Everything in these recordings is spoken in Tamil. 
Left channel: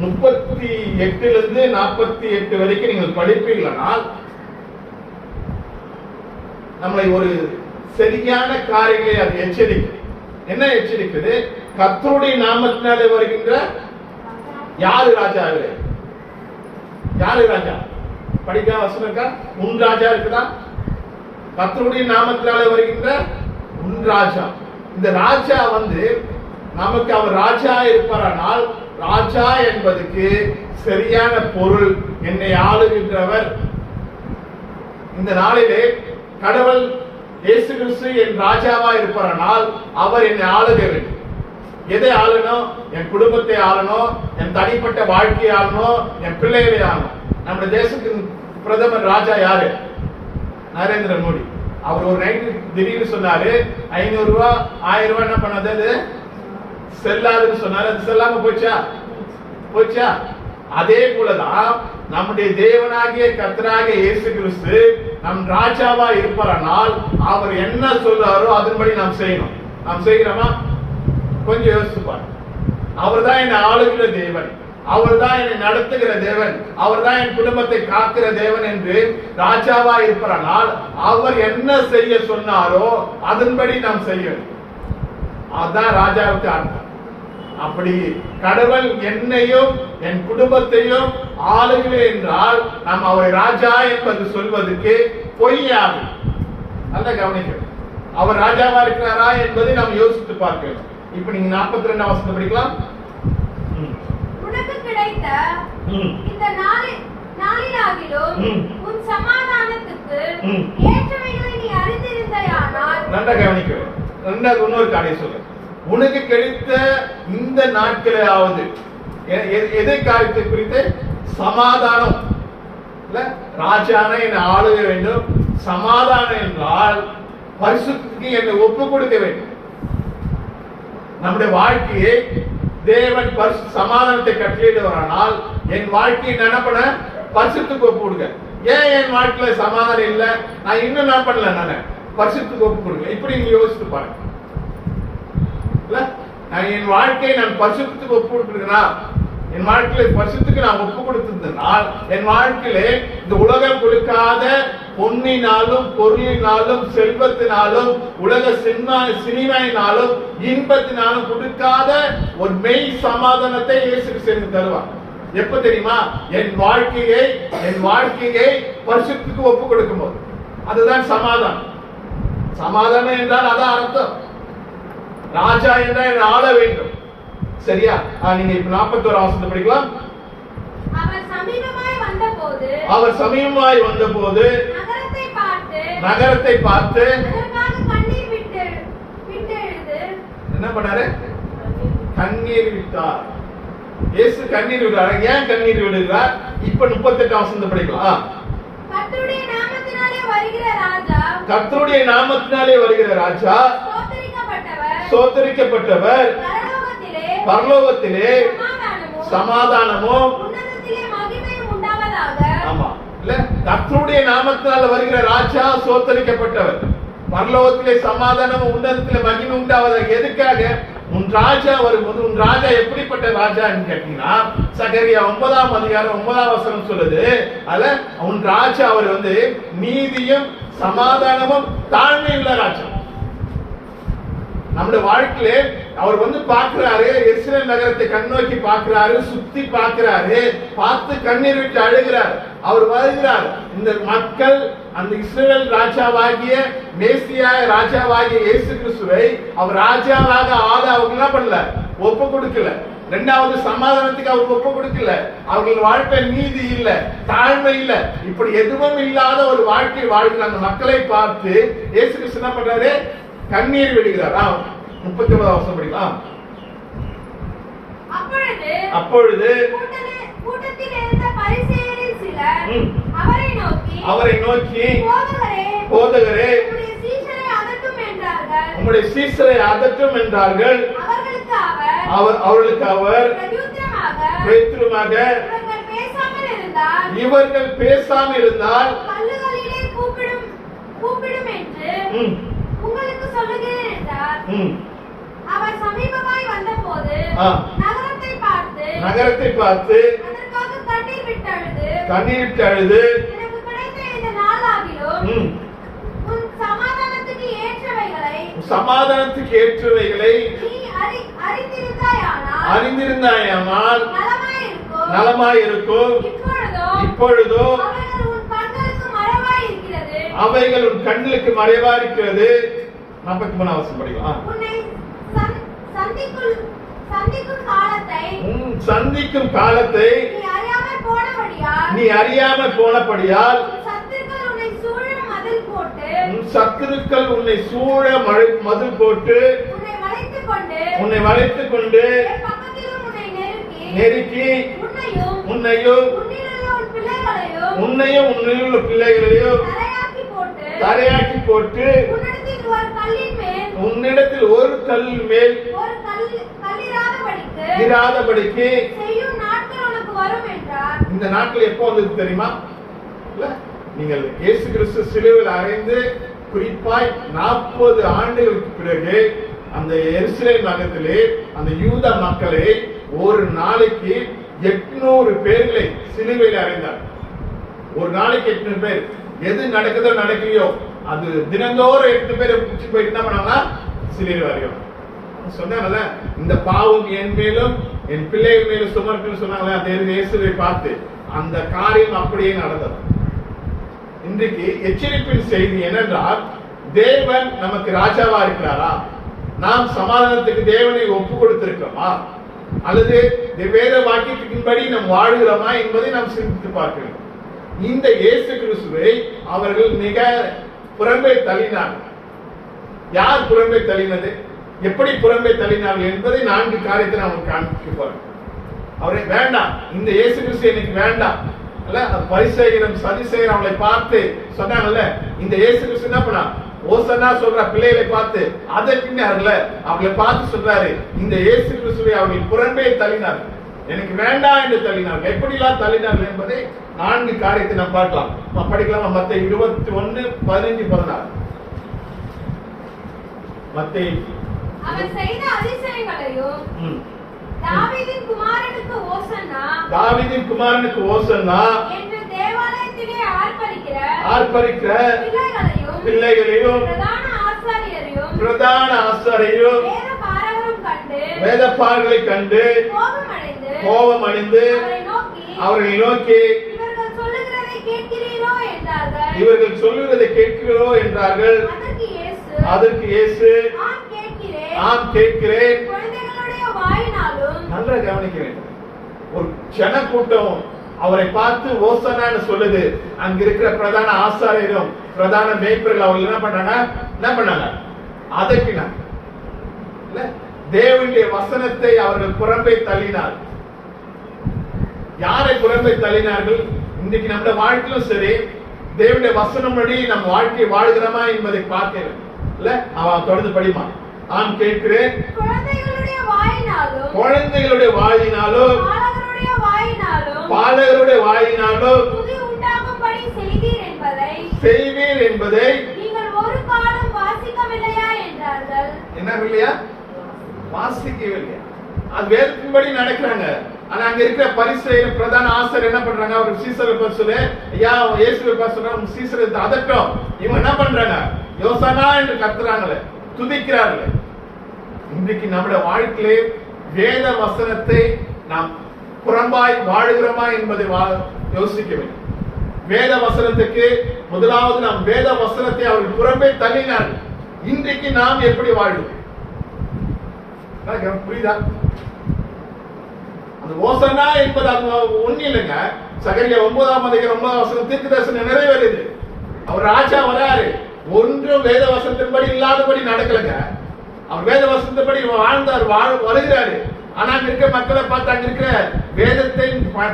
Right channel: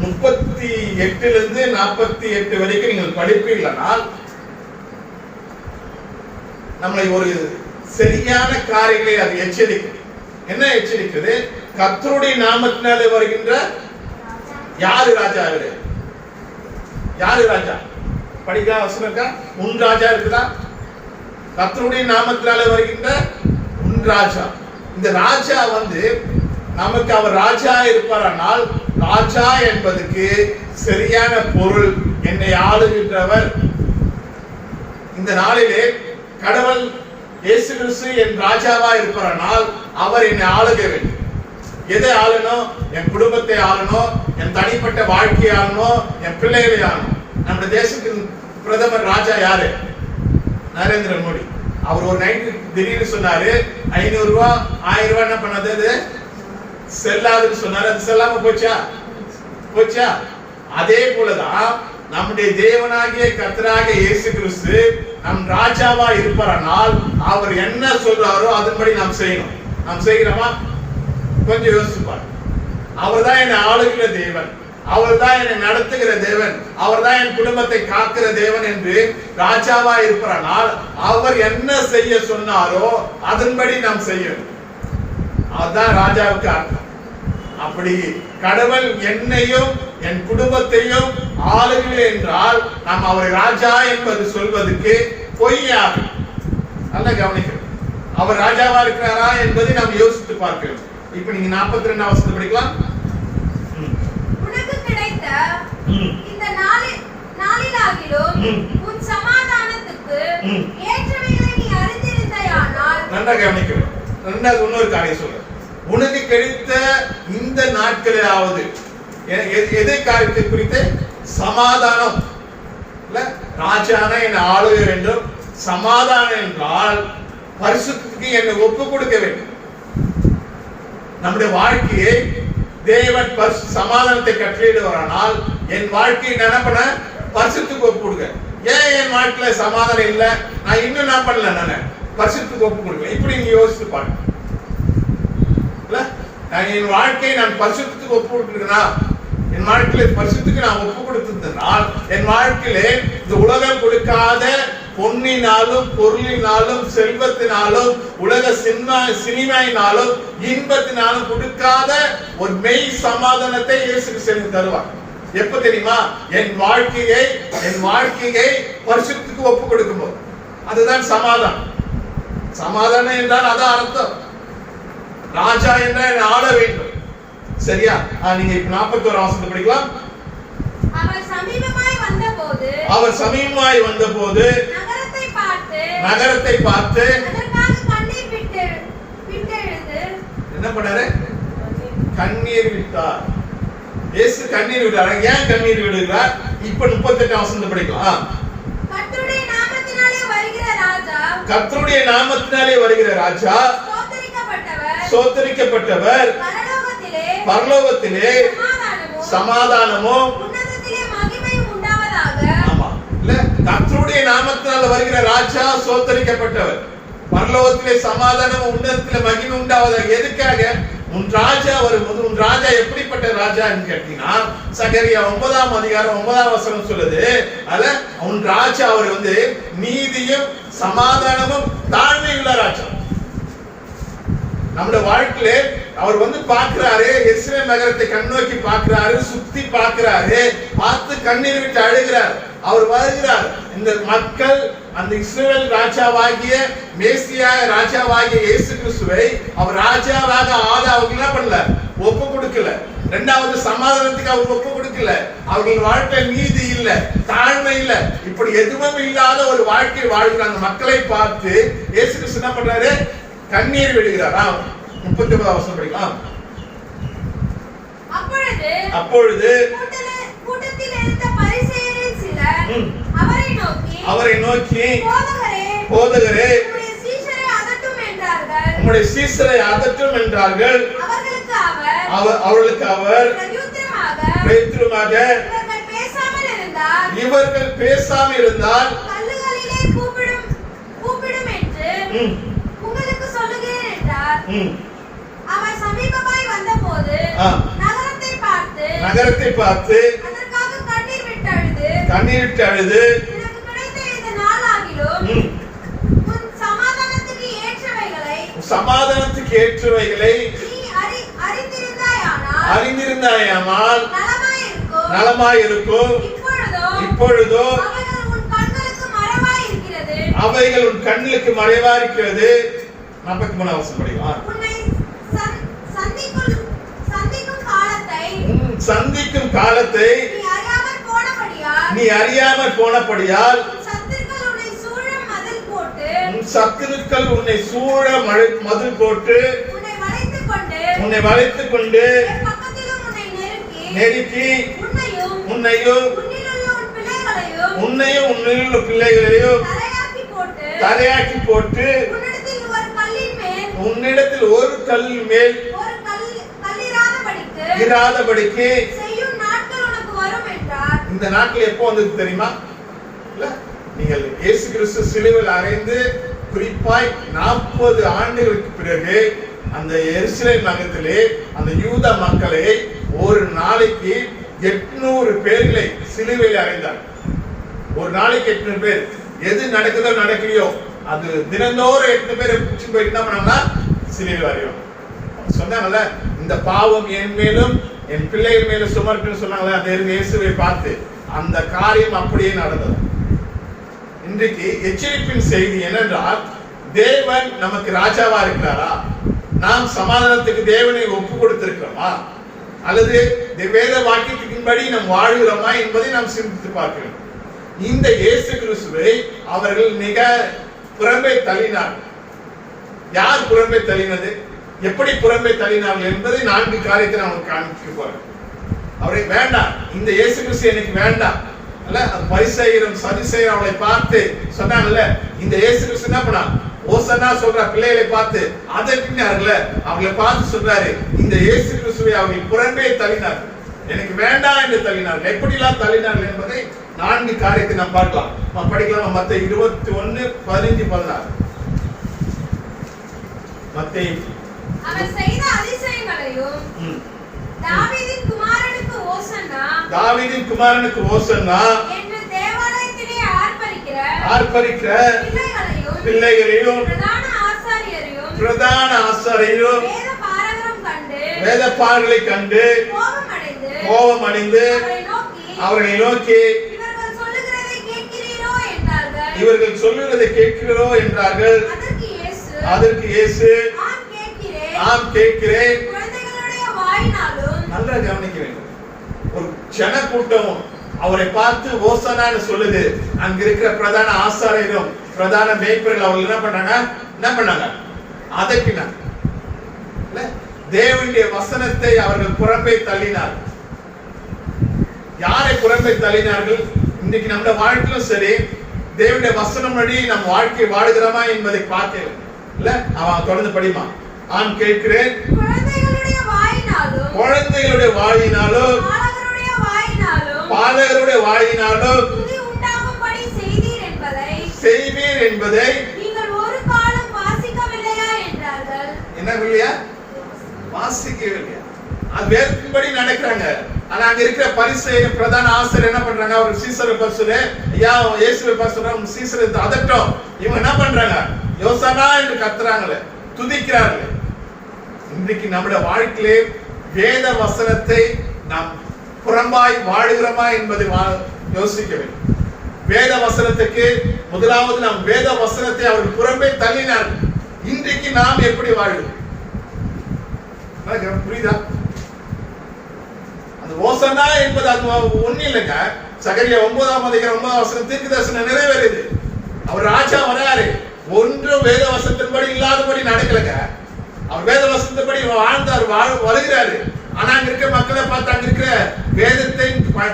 38 48 வரைக்கும் நீங்கள் படிப்பீர்களானால் நம்மளை ஒரு சரியான காரியங்களை அது எச்சரிக்கை. என்ன எச்சரிக்குது? கர்த்தருடைய நாமத்தினாலே வருகின்ற யாரு ராஜா? அவரு யாரு ராஜா? படிக்க அவசரம் இருக்கா? உன் ராஜா இருக்குதா? கர்த்தருடைய நாமத்தினாலே வருகின்ற உன் ராஜா. இந்த ராஜா நமக்கு அவர் ராஜா இருப்பாரானால், ராஜா என்பதுக்கு சரியான பொருள் என்னை ஆளுகின்றவர். இந்த நாளிலே கடவுள் இயேசு கிறிஸ்து என் ராஜாவா இருப்பாரானால் அவர் என்னை ஆளுக வேண்டும். எதை ஆளணும்? என் குடும்பத்தை ஆளணும், என் தனிப்பட்ட வாழ்க்கையை ஆளணும், என் பிள்ளைகளை ஆளணும். நம்முடைய தேசத்தின் பிரதமர் ராஜா யாரு? நரேந்திர மோடி. அவர் ஒரு நைட்டு திடீர்னு சொன்னாரு 500 ரூபாய் 1000 ரூபாய் என்ன பண்ணது? அது செல்லாதுன்னு சொன்னாரு. அது செல்லாம போச்சா? அதே போலதான் நம்முடைய தேவனாகிய கர்த்தராகிய இயேசு கிறிஸ்து நம் ராஜாவா இருப்பாரானால் அவர் என்ன சொல்றாரோ அதன்படி நாம் செய்யணும். நாம் செய்கிறோமா? கொஞ்சம் யோசிச்சு பாருங்க. அவர் தான் என்னை ஆளுகிற தேவன், அவர் தான் என்னை நடத்துகிற தேவன், அவர் தான் என் குடும்பத்தை காக்கிற தேவன் என்று ராஜாவா இருப்பாரானால் அவர் என்ன செய்ய சொன்னாரோ அதன்படி நாம் செய்யணும். அதுதான் ராஜாவுக்கு அர்த்தம். அப்படி கடவுள் என்னையும் என் குடும்பத்தையும் ஆளுகிறேன் என்றால் நாம் அவரை ராஜா என்பது சொல்வதற்கு பொய்யாகும். நல்ல கவனிக்க. அவர் ராஜாவா இருக்கிறாரா என்பதை நாம் யோசித்து பார்க்க வேண்டும். இப்ப நீங்க 42 வசனம் படிக்கலாம். உனக்கு கிடைத்த இந்த நாளிலாகிலும் உன் சமாதானத்துக்கு ஏற்றவைகளை நீ அறிந்திருந்தாயானால். நல்லா கவனிக்க. ரெண்டாவது இன்னொரு காரியம் சொல்ற. உனக்கு கிடைத்த இந்த நாட்களாவது எதை காரியத்தை குறித்து? சமாதானம். இல்ல ராஜான என்னை ஆளுக வேண்டும். சமாதானம் என்றால் பரிசுத்தத்துக்கு என்னை ஒப்பு கொடுக்க வேண்டும். நம்முடைய வாழ்க்கையை தேவன் சமாதானத்தை கட்டளையிடுவாரானால் என் வாழ்க்கையை என்ன பண்ண? பரிசுத்தத்துக்கு ஒப்பு கொடுக்க. ஏன் என் வாழ்க்கையில சமாதானம் இல்லை? நான் இன்னும் என்ன பண்ணல? நான் பரிசுத்தத்துக்கு ஒப்பு கொடுக்கல. இப்படி நீங்க யோசித்து பாருங்க. என் வாழ்க்கையை நான் பரிசுத்தத்துக்கு ஒப்பு கொடுக்கிறேன். என் வாழ்க்கையில பரிசுத்தத்துக்கு நான் ஒப்பு கொடுத்திருந்தால் என் வாழ்க்கையில இந்த உலகம் கொடுக்காத பொன்னினாலும் பொருளினாலும் செல்வத்தினாலும் உலக சினிமையினாலும் இன்பத்தினாலும் கொடுக்காத ஒரு மெய் சமாதானத்தை இயேசு கிறிஸ்து தருவார். எப்ப தெரியுமா? என் வாழ்க்கையை பரிசுத்தத்துக்கு ஒப்பு கொடுக்கும் போது. அதுதான் சமாதானம். சமாதானம் என்றால் அதான் அர்த்தம். ராஜா என்றால் ஆள வேண்டும். சரியா? நீங்க இப்ப 41 வசனம் படிக்கலாம். அவர் சமீபமாய் வந்தபோது நகரத்தை பார்த்து என்ன பண்ணாரு? கண்ணீர் விட்டார். இயேசு கண்ணீர் விட்டார். ஏன் கண்ணீர் விடுகிறார்? இப்ப 38 வசனம் படிக்கலாம். கர்த்தருடைய நாமத்தினாலே வருகிற ராஜா சோத்தரிக்கப்பட்டவர், பரலோகத்திலே சமாதானமும் கர்த்தருடைய நாமத்தினால வருகிற ராஜா சோத்தரிக்கப்பட்டவர், பரலோகத்திலே சமாதானம், உன்னதத்திலே மகிமை உண்டாவதாக. எதுக்காக? உன் ராஜா வரும்போது உன் ராஜா எப்படிப்பட்ட ராஜான்னு கேட்டீங்கன்னா சகரியா 9ஆம் அதிகாரம் 9ஆம் வசனம் சொல்லுது. அதுல உன் ராஜா அவர் நீதியும் சமாதானமும் தாழ்மையுள்ள ராஜா. நம்முடைய வாழ்க்கையில அவர் பார்க்கிறாரு, இஸ்ரேல் நகரத்தை கண்ணோக்கி பார்க்கிறாரு, சுத்தி பார்க்கிறாரு, பார்த்து கண்ணீர் விட்டு அழுகிறார். அவர் வருகிறார். இந்த மக்கள் அந்த இஸ்ரேல் ராஜாவாகிய மேசியா ராஜாவாகிய இயேசு கிறிஸ்துவை அவர் ராஜாவாக அவங்க என்ன பண்ணல? ஒப்பு கொடுக்கல. இரண்டாவது சமாதானத்துக்கு அவர் ஒப்பு கொடுக்கல. அவர்கள் வாழ்க்கை நீதி இல்ல, தாழ்மை இல்ல, இப்படி எதுவும் இல்லாத ஒரு வாழ்க்கை வாழ்கிற அந்த மக்களை பார்த்து இயேசு கிறிஸ்து என்ன பண்றாரு? கண்ணீர் விடுகிறார். 39 வசனம் படிக்கலாம். அப்பொழுது கூட்டத்தில் இருந்த பரிசேயரில் சிலர் அவரை நோக்கி போதகரே உம்முடைய சீஷரை அதட்டும் என்றார்கள். அவர்களுக்கு அவர் பிரதியுத்தரமாக இவர்கள் பேசாமல் இருந்தால் அவர் சமீபமாய் வந்தபோது நகரத்தை பார்த்து நகரத்தை பார்த்து அதற்காக கண்ணீர் விட்டு அழுது கண்ணீரிட்டு அழுது எனக்கு கிடைத்த இந்த நாளாகிலும் உன் சமாதானத்துக்கு ஏற்றவைகளை நீ அறிந்திருந்தாயானால் நலமாயிருக்கும். இப்பொழுதோ அவைகள் உன் கண்களுக்கு மறைவா இருக்கிறது. 43 வசனம் படிக்கலாம். சந்திக்கும் காலத்தை நீ அறியாமல் போனபடியால் சத்துருக்கள் உன்னை சூழ மதில் போட்டு உன்னை வளைத்துக் கொண்டு நெருக்கி உன்னையும் உன்னிலுள்ள பிள்ளைகளையும் தரையாக்கி போட்டு உன்னிடத்தில் ஒரு கல் மேல் இராதபடிக்கு இந்த நாட்கள் எப்போ வந்தது தெரியுமா? நீங்கள் இயேசு கிறிஸ்து சிலுவையில் அறைந்து குறிப்பாய் 40 ஆண்டுகளுக்கு பிறகு அந்த எருசலேம் நகரத்திலே அந்த யூத மக்களை ஒரு நாளைக்கு 800 பேர்களை சிலுவையில் அறைந்தார். ஒரு நாளைக்கு 800 பேர். எது நடக்குதோ நடக்கலையோ அது தினந்தோறும் 8 பேரை பிடிச்சு போயிட்டு என்ன பண்ணாங்கன்னா சிலுவையில் அறையும். சொன்னாங்கல்ல, இந்த பாவம் என் மேலும் என் பிள்ளைகள் மேலும் சுமர்க்குன்னு சொன்னாங்களே அந்த இயேசுவை பார்த்து அந்த காரியம் அப்படியே நடந்தது. இன்றைக்கு எச்சரிப்பின் செய்தி என்னென்றால், தேவன் நமக்கு ராஜாவா இருக்கிறாரா? நாம் சமாதானத்துக்கு தேவனை ஒப்பு கொடுத்திருக்கிறோமா? அல்லது வேத வாக்கியத்தின்படி நாம் வாழ்கிறோமா என்பதை நாம் சிந்தித்து பார்க்கிறோம். இந்த இயேசு கிறிஸ்துவை அவர்கள் மிக புறம்பே தள்ளினார்கள். யார் புறம்பே தள்ளினது, எப்படி புறம்பே தள்ளினார்கள் என்பதை 4 காரியத்தை நான் காண்பிக்க போறேன். அவரை வேண்டாம், இந்த இயேசு கிறிஸ்து எனக்கு வேண்டாம் அல்ல. பரிசேயரும் சதுசேயரும் அவளை பார்த்து சொன்னாங்கல்ல, இந்த இயேசு கிறிஸ்து என்ன பண்ணா? ஓசன்னா சொல்ற பிள்ளைகளை பார்த்து அதற்குன்னார்ல, அவங்களை பார்த்து சொல்றாரு, இந்த இயேசு கிறிஸ்துவை அவர்கள் புறம்பே தள்ளினார்கள், எனக்கு வேண்டாம் என்று தள்ளினார்கள். எப்படிலாம் தள்ளினார்கள் என்பதை 4 காரியத்தை நாம் பார்க்கலாம். நம்ம படிக்கலாம். மத்தேயு 21:15-16. மத்தேயு அவர் செய்த அதிசயங்களையும் தாவீதின் குமாரனுக்கு ஓசன்னா என்று தேவாலயத்திலே ஆர்ப்பரிக்கிற பிள்ளைகளையும் பிரதான ஆசாரியரும் வேதபாரகரை கண்டு கோபமடைந்து அவர்களை நோக்கி இவர்கள் சொல்லுகிறதை கேட்கிறோ என்றார்கள். அதற்கு இயேசு ஆம் கேட்கிறேன். நல்லா கவனிக்க வேண்டும். ஒரு ஜன கூட்டம் அவரை பார்த்து ஓசனான்னு சொல்லுது. அங்க இருக்கிற பிரதான ஆசாரியரும் பிரதான மேய்ப்பர்கள் அவங்க என்ன பண்ணாங்க? அதட்டினாங்க. தேவனுடைய வசனத்தை அவர்கள் புறம்பே தள்ளினார். யாரை புறம்பே தள்ளினார்கள்? இன்னைக்கு நம்ம வாழ்க்கையிலும் சரி, தேவனுடைய வசனம் படி நம் வாழ்க்கை வாழ்கிறோமா என்பதை பார்க்கல. இல்ல, அவன் தொடர்ந்து படிமா. ஆம் கேட்கிறேன். குழந்தைகளுடைய வாயினாலும் பாலகருடைய வாயினாலும் செய்வீர் என்பதை என்ன இல்லையா? வாசிக்கவில்லையா? அது வேதத்தின்படி நடக்கிறாங்க. ஆனா அங்க இருக்கிற பரிசேயர் பிரதான ஆசிரியர் என்ன பண்றாங்க? அவர் சீசரை பரிசுல ஐயா இயேசுவை பரிசுல சீசரை அதட்டும். இவங்க என்ன பண்றாங்க? யோசனா என்று கத்துறாங்களே, துதிக்கிறார்களே. இன்றைக்கு நம்முடைய வாழ்க்கையிலே வேத வசனத்தை நாம் புறம்பாய் வாழுகிறோமா என்பதை யோசிக்க வேண்டும். வேத வசனத்துக்கு முதலாவது நாம் வேத வசனத்தை அவர்கள் புறம்பே தள்ளினார்கள். இன்றைக்கு நாம் எப்படி வாழ்வோம்? புரியுதா? அந்த ஓசனா என்பது அது ஒண்ணு இல்லைங்க. சகரியா 9:9 தீர்க்க தரிசனம் நிறைவேறுது. அவர் ராஜா வராரு, ஒன்றும் வேத வசனத்தின்படி இல்லாதபடி நடக்கலங்க. அவர் வேத வசனத்தின்படி வாழ்ந்தார், வருகிறாரு. ஆனா அங்க இருக்க மக்களை பார்த்து அங்க இருக்கிற வேதத்தை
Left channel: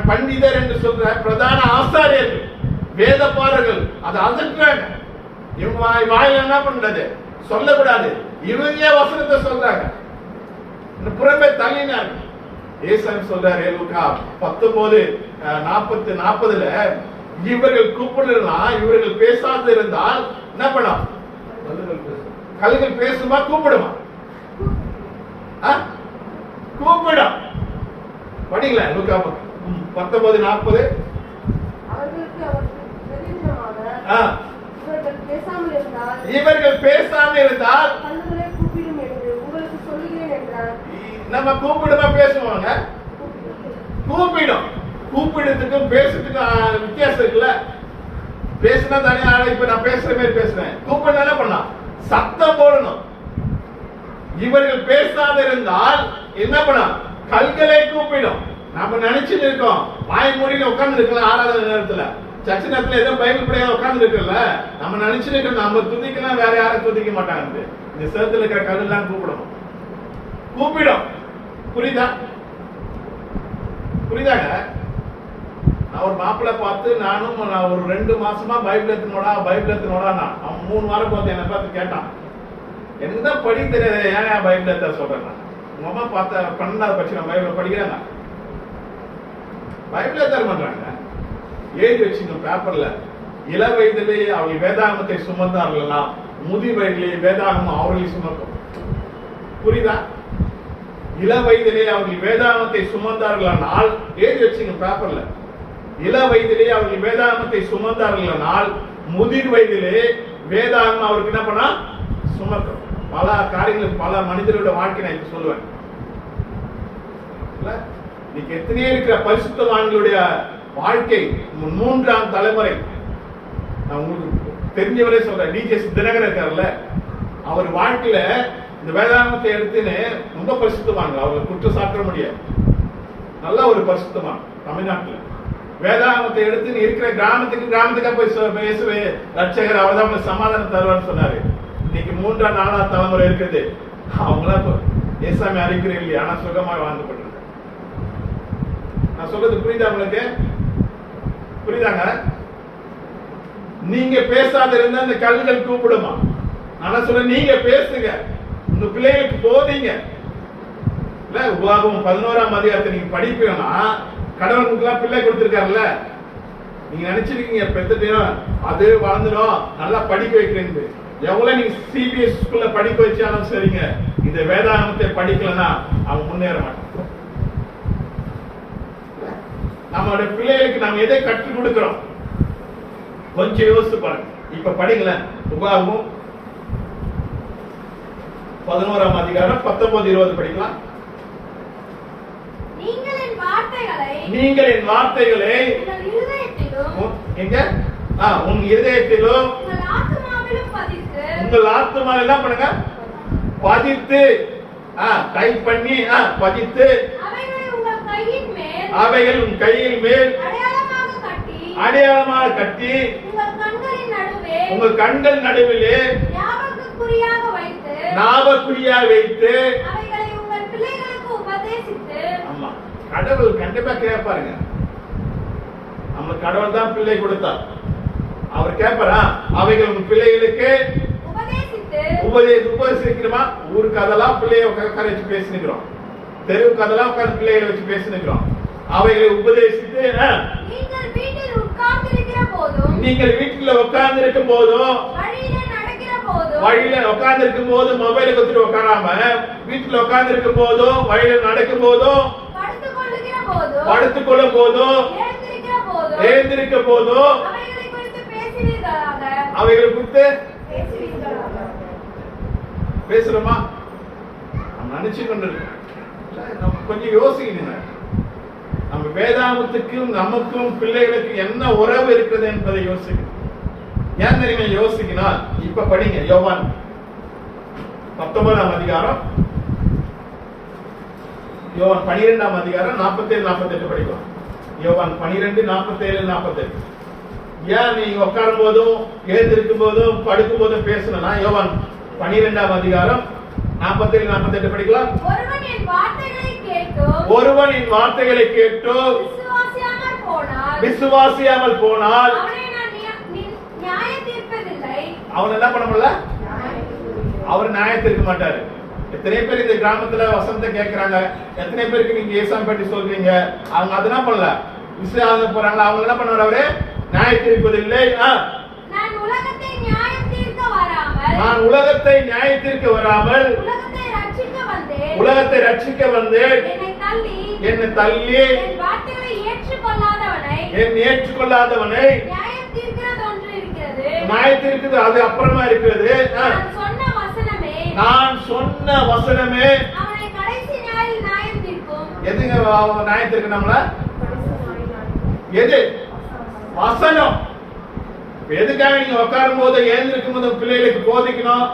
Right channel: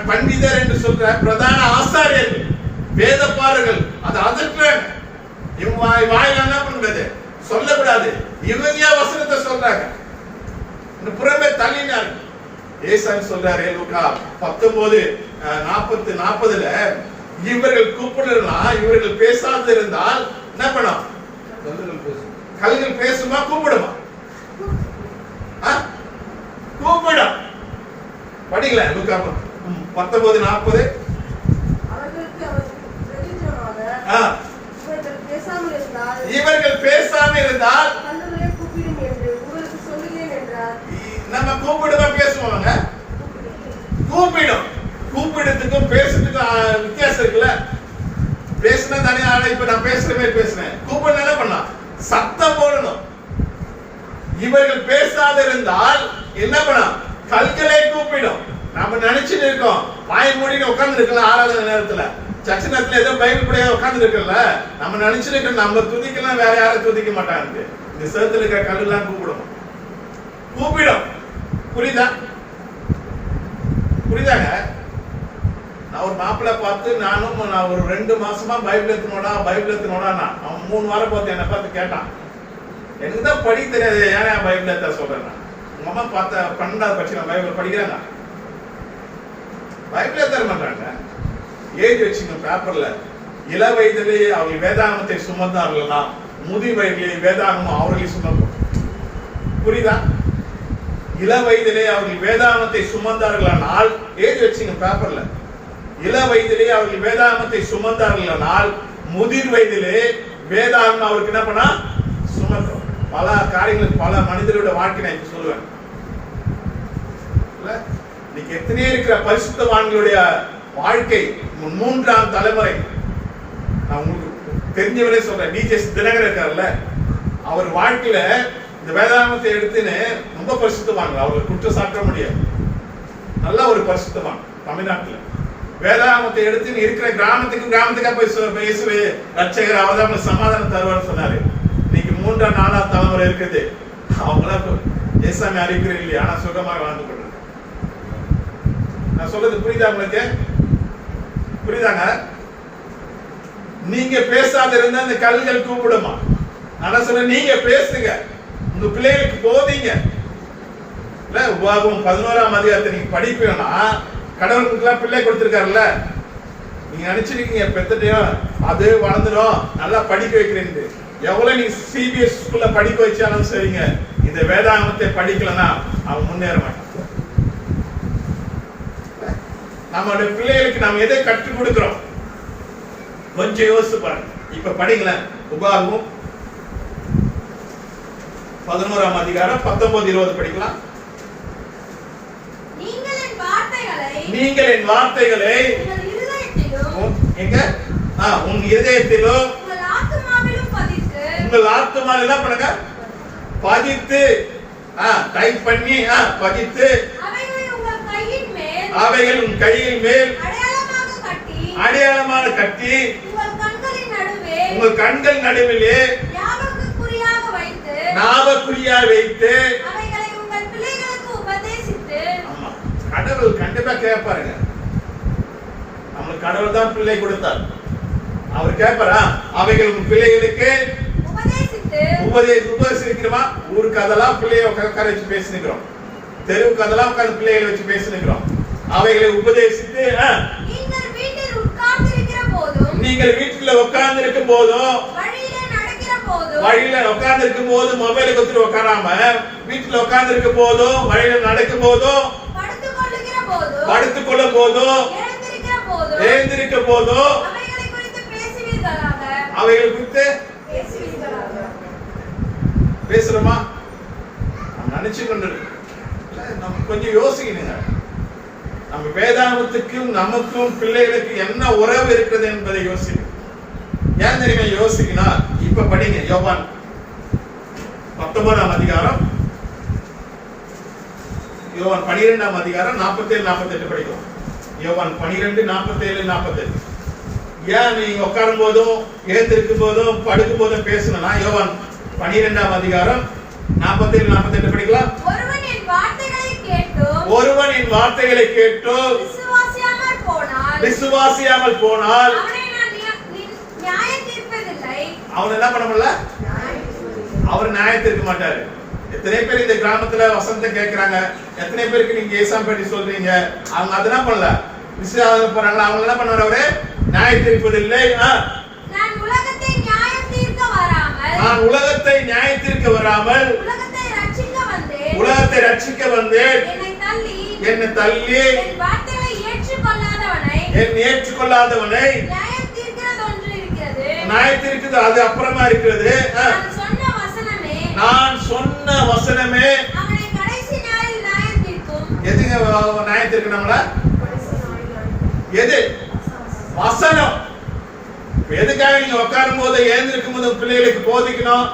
பண்டிதர் என்று சொல்ற பிரதான ஆசாரியர்கள் வேதப்பாரர்கள் அதை அதட்டுறாங்க. இவங்க வாயில என்ன பண்றது? சொல்லக்கூடாது. இவங்க வசனத்தை சொல்றாங்க, புறமே தள்ளினார்கள். ஏசாமி சொல்றாரு லூக்கா 19:40 இவர்கள் கூப்பிடலாம், இவர்கள் பேசாது இருந்தால் என்ன பண்ணும்? கல்லுகள் பேசுமா? கூப்பிடுமா? கூப்பிடும். படிங்களா லூக்கா 19:40. அவர்களுக்கு அவர் பிரதியுத்தரமாக, இவர்கள் பேசாமல் இருந்தால் கல்லுகளை கூப்பிடும் என்று உங்களுக்கு சொல்லுகிறேன் என்றார். நம்ம கூப்பிடுமா பேசுவாங்க? கூப்பிடும். கூப்பிடுறதுக்கும் பேசுறதுக்கும் வித்தியாசம் இருக்குல்ல. பேசினா தானே ஆளை இப்ப நான் பேசுற மாதிரி பேசுறேன். கூப்பிடனால பண்ணா சத்தம் போடணும். இவர்கள் பேசாத இருந்தால் என்ன பண்ணா கல்களை கூப்பிடும். நம்ம நினைச்சிட்டு இருக்கோம் வாய் மூடிட்டு உட்கார்ந்து இருக்கலாம் ஆறாவது நேரத்துல சர்ச்சை நேரத்துல ஏதோ பைபிள் படியாக உட்கார்ந்து இருக்கல. நம்ம நினைச்சிட்டு இருக்கோம் நம்ம துதிக்கலாம் வேற யாரும் துதிக்க மாட்டாங்க. இந்த சேர்த்துல இருக்கிற கல்லெல்லாம் கூப்பிடும். கூப்பிடும். புரியுதா? புரியுதாங்க? நான் ஒரு மாப்பிள்ளை பார்த்து நான் ஒரு 2 மாசமா பைபிள் எடுத்துனோடா அவன் 3 வாரம் பார்த்து என்னை பார்த்து கேட்டான். எனக்கு தான் படிக்க தெரியாது, ஏன் பைபிள் எடுத்த சொல்றேன். உங்க அம்மா பார்த்த 12வது படிச்சு நான் பைபிள் படிக்கிறேன். பைபிள் எடுத்து பண்றாங்க. எழுதி வச்சுங்க பேப்பர்ல, இள வயதிலே அவர்கள் வேதாகமத்தை சுமந்தார்களா, முதி வயதிலே வேதாகமம் அவர்களை சுமக்கும். புரியுதா? இள வயதிலே அவர்கள் வேதாகமத்தை சுமந்தார்களானால் எழுதி வச்சுங்க பேப்பர்ல, இள வயதிலே அவர்கள் வேதாகமத்தை சுமந்தார்களானால் முதிர் வயதிலே வேதாகமம் அவருக்கு என்ன பண்ணா சுமக்கும். பல காரியங்களுக்கு பல மனிதரோட வாழ்க்கை நான் இப்ப சொல்லுவேன். இன்னைக்கு எத்தனையோ இருக்கிற பரிசுத்தவான்களுடைய வாழ்க்கை 3ஆம் தலைமுறை. நான் உங்களுக்கு தெரிஞ்சவரே சொல்றேன். டிஜிஎஸ் தினகரன் இருக்காருல்ல, அவர் வாழ்க்கையில இந்த வேதாகமத்தை எடுத்துன்னு ரொம்ப பரிசுத்தவாங்க. அவங்க குற்றம் சாட்ட முடியாது. நல்ல ஒரு பரிசுத்தவான். தமிழ்நாட்டில் வேதாகமத்தை எடுத்து இருக்கிற கிராமத்துக்கா போய் இயேசுவே ரட்சகர் அவர்தான் சமாதானம் தருவார்னு சொன்னாரு. இன்னைக்கு 3ஆம் 4ஆம் தலைமுறை இருக்குது. அவங்கள ஏசாமி அறிக்கிறீங்க இல்லையா, ஆனா சுகமாக வாழ்ந்து கொண்டிருக்க. நான் சொல்றது புரியுதா உங்களுக்கு? புரியுதாங்க? நீங்க பேசாத இருந்தா அந்த கல்லுகள் கூப்பிடுமா? நான் சொல்ல நீங்க பேசுங்க, உங்க பிள்ளைகளுக்கு போதீங்க. இல்ல உபாகமம் 11ஆம் அதிகாரத்தை நீங்க படிப்பீங்கன்னா கடவுளுக்குலாம் பிள்ளை கொடுத்திருக்காருல்ல, நீங்க நினைச்சிருக்கீங்க பெத்துட்டையும் அது வளர்ந்துடும் நல்லா படிக்க வைக்கிறேன்னு. எவ்வளவு நீங்க சிபிஎஸ் ஸ்கூல்ல படிக்க வச்சாலும் சரிங்க, இந்த வேதாகமத்தை படிக்கலன்னா அவன் முன்னேற மாட்டான். நம்மளுடைய பிள்ளைகளுக்கு நம்ம எதை கற்றுக் கொடுக்கிறோம் கொஞ்சம் யோசிச்சு பாருங்க. இப்ப படிங்களேன், உபாகமம் 11ஆம் அதிகாரம் 19-20 படிக்கலாம். நீங்கள் என் வார்த்தைகளை எங்க உங்க இதயத்திலும் உங்கள் ஆத்துமாவில் என்ன பண்ணுங்க பதித்து டைப் பண்ணி பதித்து அவைகள் உன் கையின் மேல் அடையாளமாக கட்டி உங்கள் கண்கள் நடுவிலே ஞாபகக்குறியாக வைத்து. ஆமா, கடவுள் கண்டிப்பா கேட்பாருங்க. நம்மளுக்கு கடவுள் தான் பிள்ளை கொடுத்தார். அவர் கேட்பாரா அவைகள் உங்க பிள்ளைகளுக்கு உபதேசிக்கிறோமா? ஊருக்கு அதெல்லாம் பிள்ளைய உட்கார வச்சு பேசினுக்கிறோம், தெருவுக்கு அதெல்லாம் உட்கார்ந்து பிள்ளைகளை வச்சு பேசினுக்கிறோம். அவைகளை உபதேசித்து நீங்கள் வீட்டில் உட்கார்ந்து இருக்கும் போதும் வழியில உட்கார்ந்து இருக்கும் போதும் மொபைலை கொடுத்துட்டு உட்காராம வீட்டுல உட்கார்ந்து இருக்கும் போதும் வழியில நடக்கும் போதும் படுத்துக்கொள்ளும் போதும் எழுந்திருக்க போதும் அவைகளை குறித்து பேசுறோமா? நம்ம நினைச்சு கொண்டு நம்ம கொஞ்சம் யோசிக்கணுங்க. நம்ம வேதாகமத்துக்கும் நமக்கும் பிள்ளைகளுக்கு என்ன உறவு இருக்கிறது என்பதை யோசிக்கணும். ஏன் தெரியுமா யோசிக்கணும்? இப்ப படிங்க யோவான் 19ஆம் அதிகாரம், யோவான் 12ஆம் அதிகாரம் 47-48 படிக்கலாம். யோவான் 12:47-48. ஏன் நீங்க உட்காரும் போதும் எழுந்திருக்கும் போதும் படுக்கும் போதும் பேசணும்னா யோவான் 12ஆம் அதிகாரம் 47-48 படிக்கலாம். ஒருவன் என் வார்த்தைகளை கேட்டு விசுவாசியாமல் போனால் அவன் என்ன பண்ண முடியல, அவர் நியாயம் தீர்க்க மாட்டாரு. எத்தனை பேர் இந்த கிராமத்துல வசனத்தை கேட்கிறாங்க, எத்தனை பேருக்கு நீங்க ஏசாமி பற்றி சொல்றீங்க, அவங்க அதெல்லாம் பண்ணல, விசுவாசம் போறாங்க, அவங்க என்ன பண்ணுவாரு, அவரு நியாயம் தீர்ப்பதில்லை. நான் உலகத்தை நியாயம் தீர்க்க வராமல் உலகத்தை ரட்சிக்க வந்தேன். என்னை தள்ளி என் வார்த்தைகளை ஏற்றுக்கொள்ளாதவனை நியாயம் தீர்க்கிறது ஒன்று இருக்கிறது. நியாயத்திற்கு அது அப்புறமா இருக்கிறது. நான் சொன்ன வசனமே அவனை கடைசி நாளில் நியாயம் தீர்க்கும். எதுங்க நியாயம் தீர்க்க நம்மள? எது? வசனம். எதுக்காக நீங்க உட்காரும் போது எழுந்திருக்கும் போது பிள்ளைகளுக்கு போதிக்கணும்?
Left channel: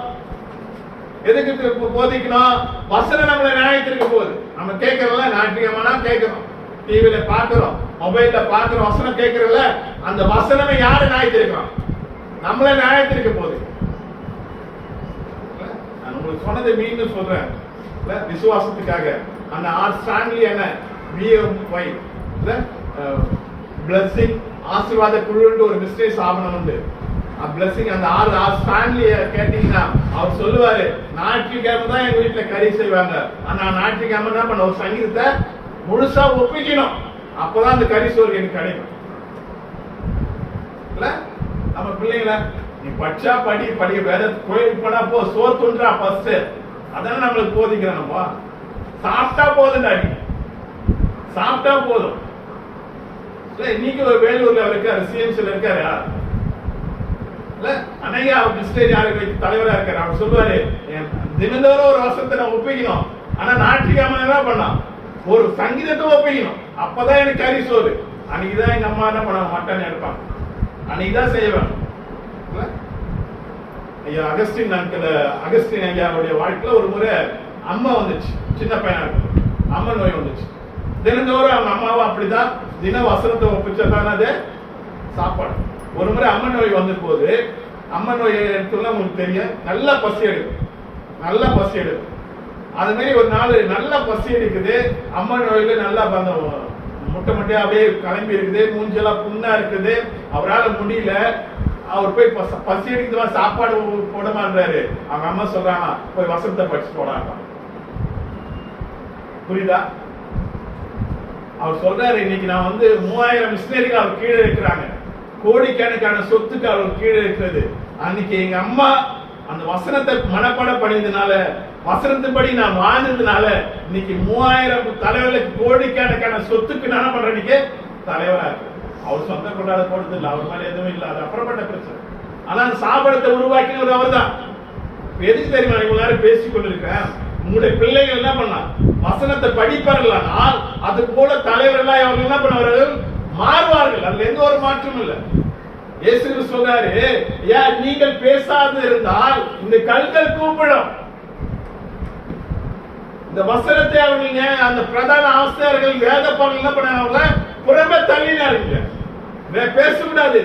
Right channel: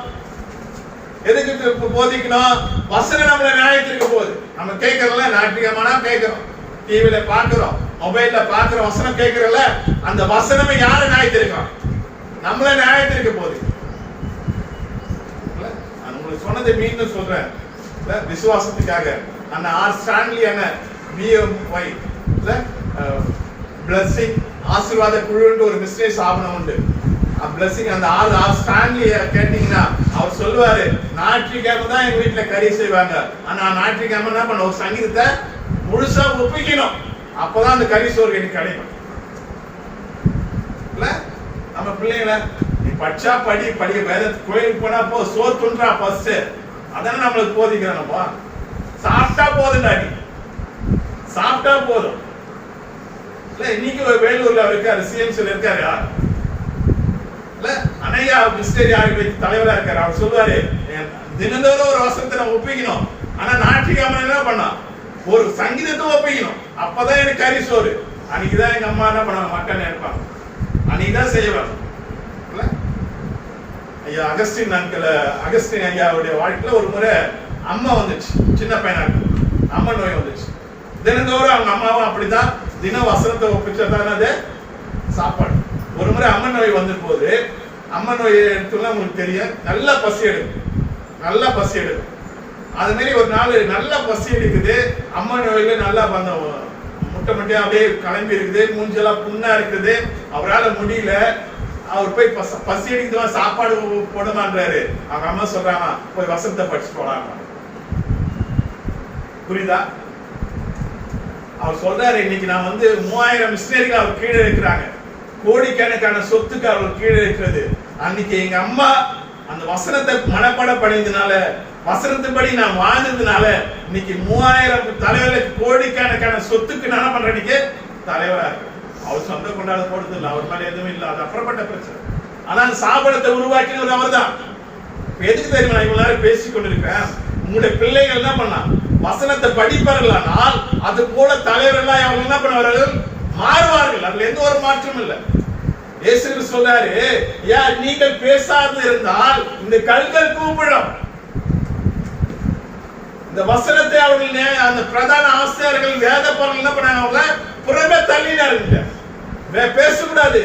எதுக்கு போதிக்கணும்? வசனம் நம்மள நியாயத்திற்கு போகுது. நம்ம கேட்கறோம்ல, ஞாயிற்றுக்கிழமைனா கேட்கிறோம், டிவில பாக்குறோம், மொபைல்ல பாக்குறோம், வசனம் கேட்கறல, அந்த வசனமே யாரு நியாயத்திருக்கான்? நம்மள நியாயத்திற்கு போகுது. நான் உங்களுக்கு சொன்னதை மீண்டும் சொல்றேன், விசுவாசத்துக்காக. அந்த ஆர் ஸ்டான்லி என்ன BMY பிளஸிங் ஆசீர்வாத குழுன்னு ஒரு பிசினஸ் ஆவணம் உண்டு. பிளஸிங் அந்த ஆர் ஸ்டான்லிய கேட்டீங்கன்னா அவர் சொல்லுவாரு, ஞாயிற்றுக்கிழமை தான் எங்க வீட்டுல கறி செய்வாங்க, ஆனா ஞாயிற்றுக்கிழமை என்ன பண்ண, ஒரு சங்கீதத்தை முழுசா ஒப்பிக்கணும், அப்பதான் அந்த கறி சோறு எனக்கு கிடைக்கும். நம்ம பிள்ளைங்கள நீ படிச்சா படிக்க வேதத்து கோயிலுக்கு போனா போ, சோறு துன்றா ஃபர்ஸ்ட், அதான நம்மளுக்கு போதிக்கிறோம். நம்ம சாப்பிட்டா போதும், அடி சாப்பிட்டா போதும். இன்னைக்கு வேலூர்ல இருக்காரு, CMCல இருக்காரு, அனையா மிஸ்டரி தலைவரா இருக்காரு. அவர் சொல்லுவாரு, தினந்தோறும் ஒரு வசனத்தை நம்ம ஒப்பிக்கணும், ஆனா ஞாயிற்றுக்கிழமை என்ன பண்ணா ஒரு சங்கீதத்தை ஒப்பிக்கணும், அப்பதான் எனக்கு கறி சோறு. அன்னைக்குதான் எங்க அம்மா என்ன பண்ணுவாங்க, மட்டன் எடுப்பாங்க, அன்னைக்குதான் செய்வேன். ஐயா அகஸ்டின் அகஸ்டின் ஐயாவுடைய வாழ்க்கையில ஒரு முறை அம்மா வந்துச்சு, சின்ன பையனா இருக்கு, அம்மா நோய் வந்துச்சு. தினந்தோறும் அவங்க அம்மாவும் அப்படிதான் தின வசனத்தை ஒப்பிச்சதான் அது சாப்பாடு. ஒரு முறை அம்மன் நோய் வந்த போது, அம்மன் நோய் எடுத்துலாம் உங்களுக்கு தெரியும், நல்லா பசி எடுக்கும், நல்லா பசி எடுக்கும். அது மாதிரி ஒரு நாள் நல்லா பசி எடுக்குது, அம்மன் நோயில நல்லா முட்டை முட்டையா அப்படியே கிளம்பி இருக்குது, மூஞ்செல்லாம் புண்ணா இருக்குது, அவரால் முடியல. அவர் போய் பசி எடுக்குதுவா, சாப்பாடு போடுமான்றாரு. அவங்க அம்மா சொல்றாங்க, போய் வசனத்தை படிச்சு போடாம. புரியுதா? அவர் சொல்றாரு, இன்னைக்கு நான் 3000 மிஷினரிகள் அவர் கீழே இருக்கிறாங்க, கோடிக்கணக்கான சொத்துக்கு அவர் கீழே இருக்கிறது. அன்னைக்கு எங்க அம்மா அந்த வசனத்தை மனப்பாடம் பண்ணியதுனால, வசனத்தின்படி நான் வாழ்ந்ததுனால, இன்னைக்கு 3000 தலைவர்களுக்கு கோடிக்கணக்கான சொத்துக்கு நான் என்ன பண்றேன், இன்னைக்கு தலைவரா இருக்கு. அவர் சொந்த கொண்டாட போடுறது இல்லை, அவர் மேல எதுவும் இல்லை, அது அப்புறப்பட்ட பிரச்சனை. ஆனா அந்த சாபனத்தை உருவாக்கினவர் அவர் தான். எதுக்கு தெரியுமா இவ்வளவு நேரம் பேசிக் கொண்டிருக்கிறேன்? உங்களுடைய பிள்ளைகள் என்ன பண்ணலாம், வசனத்தை படிப்பார்களானால் அது போல தலைவர்கள் அவர்கள் என்ன பண்ணுவார்கள், மாறுவார்கள். அதுல எந்த ஒரு மாற்றம் இல்லை. இயேசு சொல்றாரு, நீங்கள் பேசாது இருந்தால் இந்த கல்கள் கூப்பிடும். இந்த வசனத்தை அவர்கள் அந்த பிரதான ஆசிரியர்கள் வேத பாடல் என்ன பண்ணாங்க, புறமே தள்ளினார்கள். பேசக்கூடாது.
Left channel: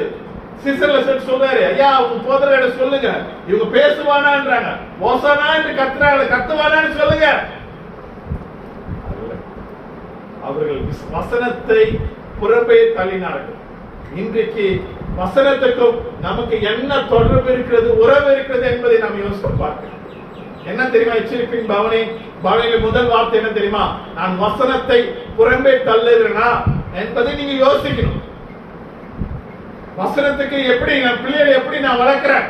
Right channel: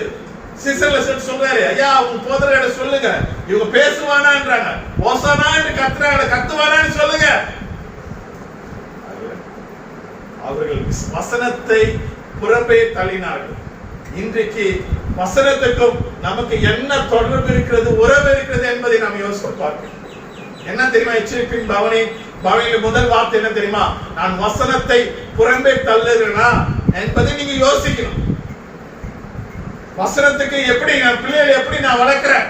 சீசர்ல சொல்றாரு, ஐயா உங்க போதர்களை சொல்லுங்க, இவங்க பேசுவானான்றாங்க, ஓசானா என்று கத்துறாங்க, கத்துவானான்னு சொல்லுங்க. அவர்கள் வசனத்தை புறம்பே தள்ளினார்கள். இன்றைக்கு வசனத்துக்கும் நமக்கு என்ன தொடர்பு இருக்கிறது, உறவு இருக்கிறது என்பதை நாம் யோசித்து பார்க்கணும். என்ன தெரியுமா எச்சரிப்பின் பவனியில் முதல் வார்த்தை என்ன தெரியுமா, நான் வசனத்தை புறம்பே தள்ளுறேனா என்பதை நீங்க யோசிக்கணும். வசனத்துக்கு எப்படி நான் பிள்ளைகளை எப்படி நான் வளர்க்கிறேன்?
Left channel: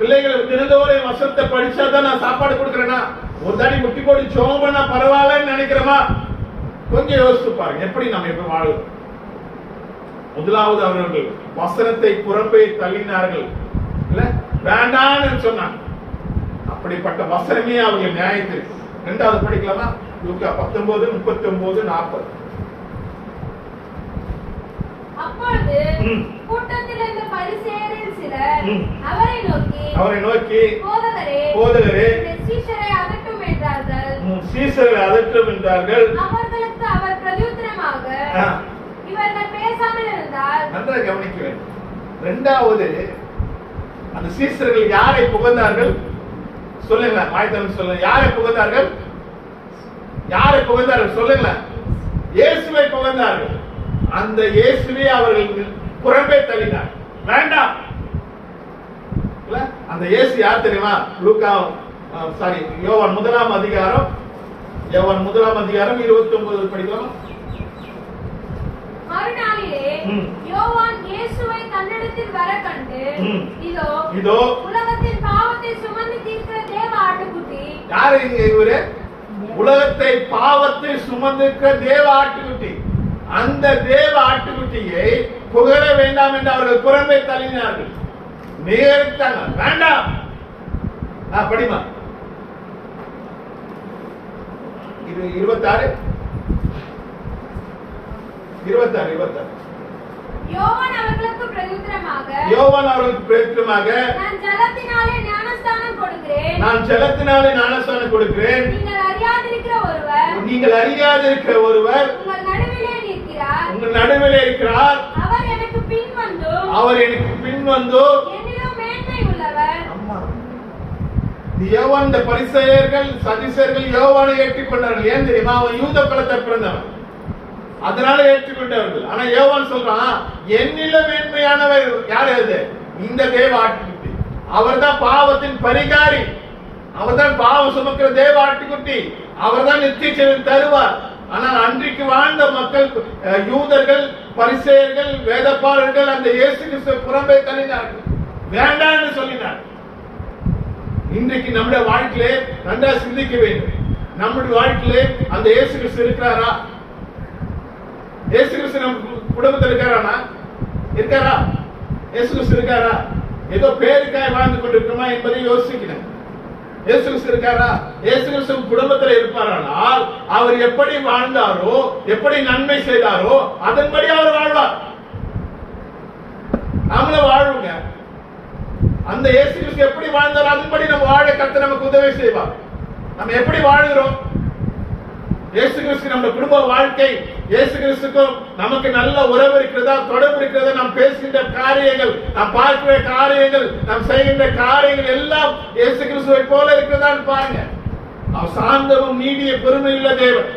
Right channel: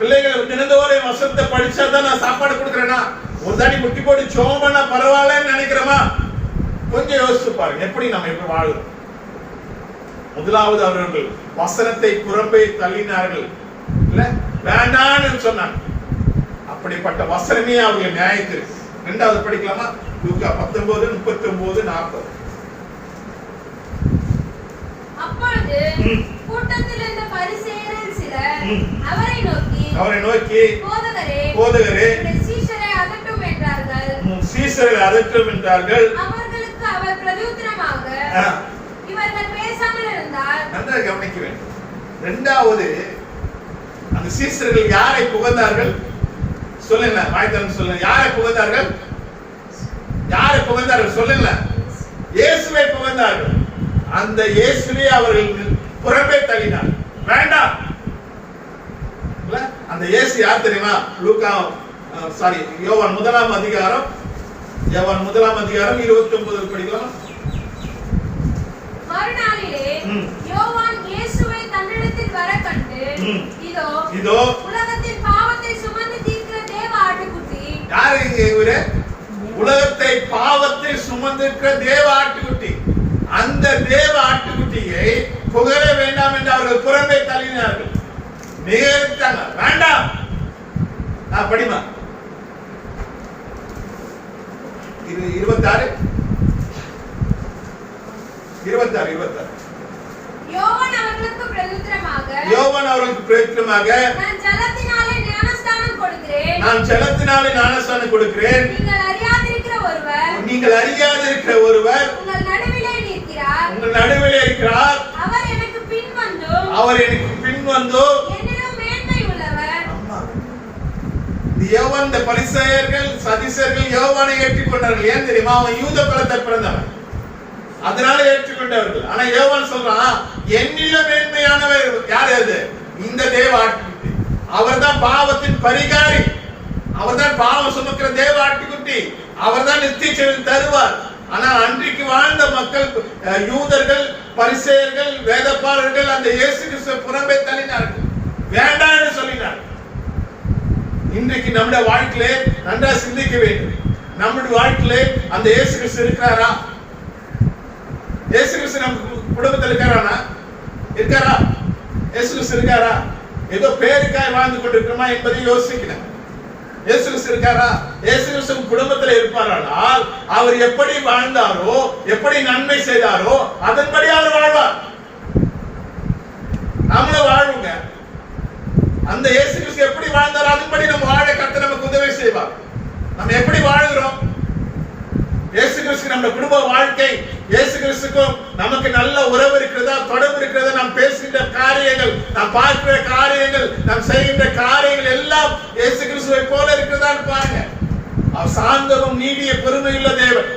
பிள்ளைகள் தினந்தோறும் வசனத்தை படிச்சாதான் நான் சாப்பாடு கொடுக்கிறேன்னா, ஒரு தாடி முட்டி போட்டு சோமனா பரவாயில்லன்னு நினைக்கிறோமா? கொஞ்சம் யோசிச்சு பாருங்க, எப்படி நம்ம இப்ப வாழும். முதலாவது அவர்கள் வசனத்தை புறம்பே தள்ளினார்கள், இல்ல வேண்டான்னு சொன்னாங்க. அப்படிப்பட்ட வசனமே அவர்கள் நியாயத்திற்கு. இரண்டாவது படிக்கலாமா? லூக்கா 19:39-40. அப்பொழுது கூட்டத்தில் இருந்த பரிசேயரில் சிலர் அவரை நோக்கி போதகரே சீஷரை அதட்டும் என்றார்கள். அவர்களுக்கு அவர் பிரதியுத்தரமாக, இவர்கள் பேசாமல் இருந்தால். நன்றாக கவனிக்க வேண்டும். இரண்டாவது அந்த சீஷர்கள் யாரை புகழ்ந்தார்கள் சொல்லுங்க, வாய்த்தரம் சொல்லுங்க. யாரை புகழ்ந்தார்கள்? யாரை புகழ்ந்தார்கள் சொல்லுங்க? இயேசுவை புகழ்ந்தார்கள். அந்த இயேசுவை அவர்கள் புறம்பே தள்ளினார். வேண்டாம். அந்த இயேசு யார் தெரியுமா? யோவான் 1 அதிகாரம் 29 படிக்கலாம். மறுநாளிலே யோவான் இயேசுவை தன்னிடத்தில் வர கண்டு, இதோ உலகத்தின் பாவத்தை சுமந்து தீர்க்கிற தேவ ஆட்டுக்குட்டி. யாரு இவரு? உலகத்தை பாவத்தை சுமந்திருக்கிற தேவ ஆட்டுக்குட்டி. அந்த தேவ ஆட்டுக்குட்டியை புகழ வேண்டாம் என்று அவர்கள் புறம்பே தள்ளினார்கள், நிகழ்த்தாங்க. வேண்டாம். படிமா 26 யோவான் அவர்களுக்கு பிரதித்திரமாக நான் ஜலத்தினாலே ஞானஸ்நானம் கொடுக்கிறேன். நீங்கள் அறியாதிருக்கிற ஒருவர் உங்கள் நடுவிலே இருக்கிறார். அவர் எனக்கு பின் வந்து என்னிலும் மேன்மை உள்ளவர். யோவான், இந்த பரிசேயர்கள் சதிசேயர்கள் யோவானை ஏற்றுக்கொண்டார்கள். ஏன் தெரியுமா? அவன் யூத குலத்தை பிறந்தவன், அதனால ஏற்றுக்கொண்டவர்கள். ஆனா யோவான் சொல்றான், என்னிலும் மேன்மையானவர் யார்? அது இந்த தேவ ஆட்டுக்குட்டி. அவர்தான் பாவத்தின் பரிகாரி, அவர்தான் பாவம் சுமக்கிற தேவ ஆட்டுக்குட்டி, அவர்தான் நித்திய ஜீவன் தருவார். ஆனால் அன்றைக்கு வாழ்ந்த மக்கள், யூதர்கள், பரிசேயர்கள், வேதபாரர்கள் அந்த இயேசு கிறிஸ்துவை புறம்பே தள்ளினார்கள், வேண்டாம் என்று சொல்லினார்கள். இன்றைக்கு நம்முடைய வாழ்க்கையிலே நன்றா சிந்திக்க வேண்டும். நம்முடைய வாழ்க்கையிலே அந்த இயேசு கிறிஸ்து இருக்கிறாரா? இயேசு கிறிஸ்து நம்ம குடும்பத்தில் இருக்காரா? இயேசு கிறிஸ்து இருக்காரா? ஏதோ பேருக்காய் வாழ்ந்து கொண்டிருக்கிறோமா என்பதை யோசிக்கணும். இயேசு கிறிஸ்து இருக்காரா? இயேசு கிறிஸ்து குடும்பத்தில் இருப்பாரானால் அவர் எப்படி வாழ்ந்தாரோ, எப்படி நன்மை செய்தாரோ அதன்படி அவர் வாழ்வார். நம்மளும் வாழ்வுங்க. அந்த இயேசு கிறிஸ்து எப்படி வாழ்ந்தாரோ அதன்படி நம்ம வாழ கர்த்தர் நமக்கு உதவி செய்வார். நம்ம எப்படி வாழுகிறோம்? இயேசு கிறிஸ்து நம்ம குடும்ப வாழ்க்கை, இயேசு கிறிஸ்துக்கும் நமக்கு நல்ல உறவு இருக்கிறதா, தொடர்பு இருக்கிறதா? நாம் பேசுகின்ற காரியங்கள், நாம் பார்க்கிற காரியங்கள், நாம் செய்கின்ற காரியங்கள் எல்லாம் இயேசு கிறிஸ்துவை போல இருக்கிறதான்னு பாருங்க. அவர் சாந்தமும் நீடிய பெருமையுள்ள தேவன்.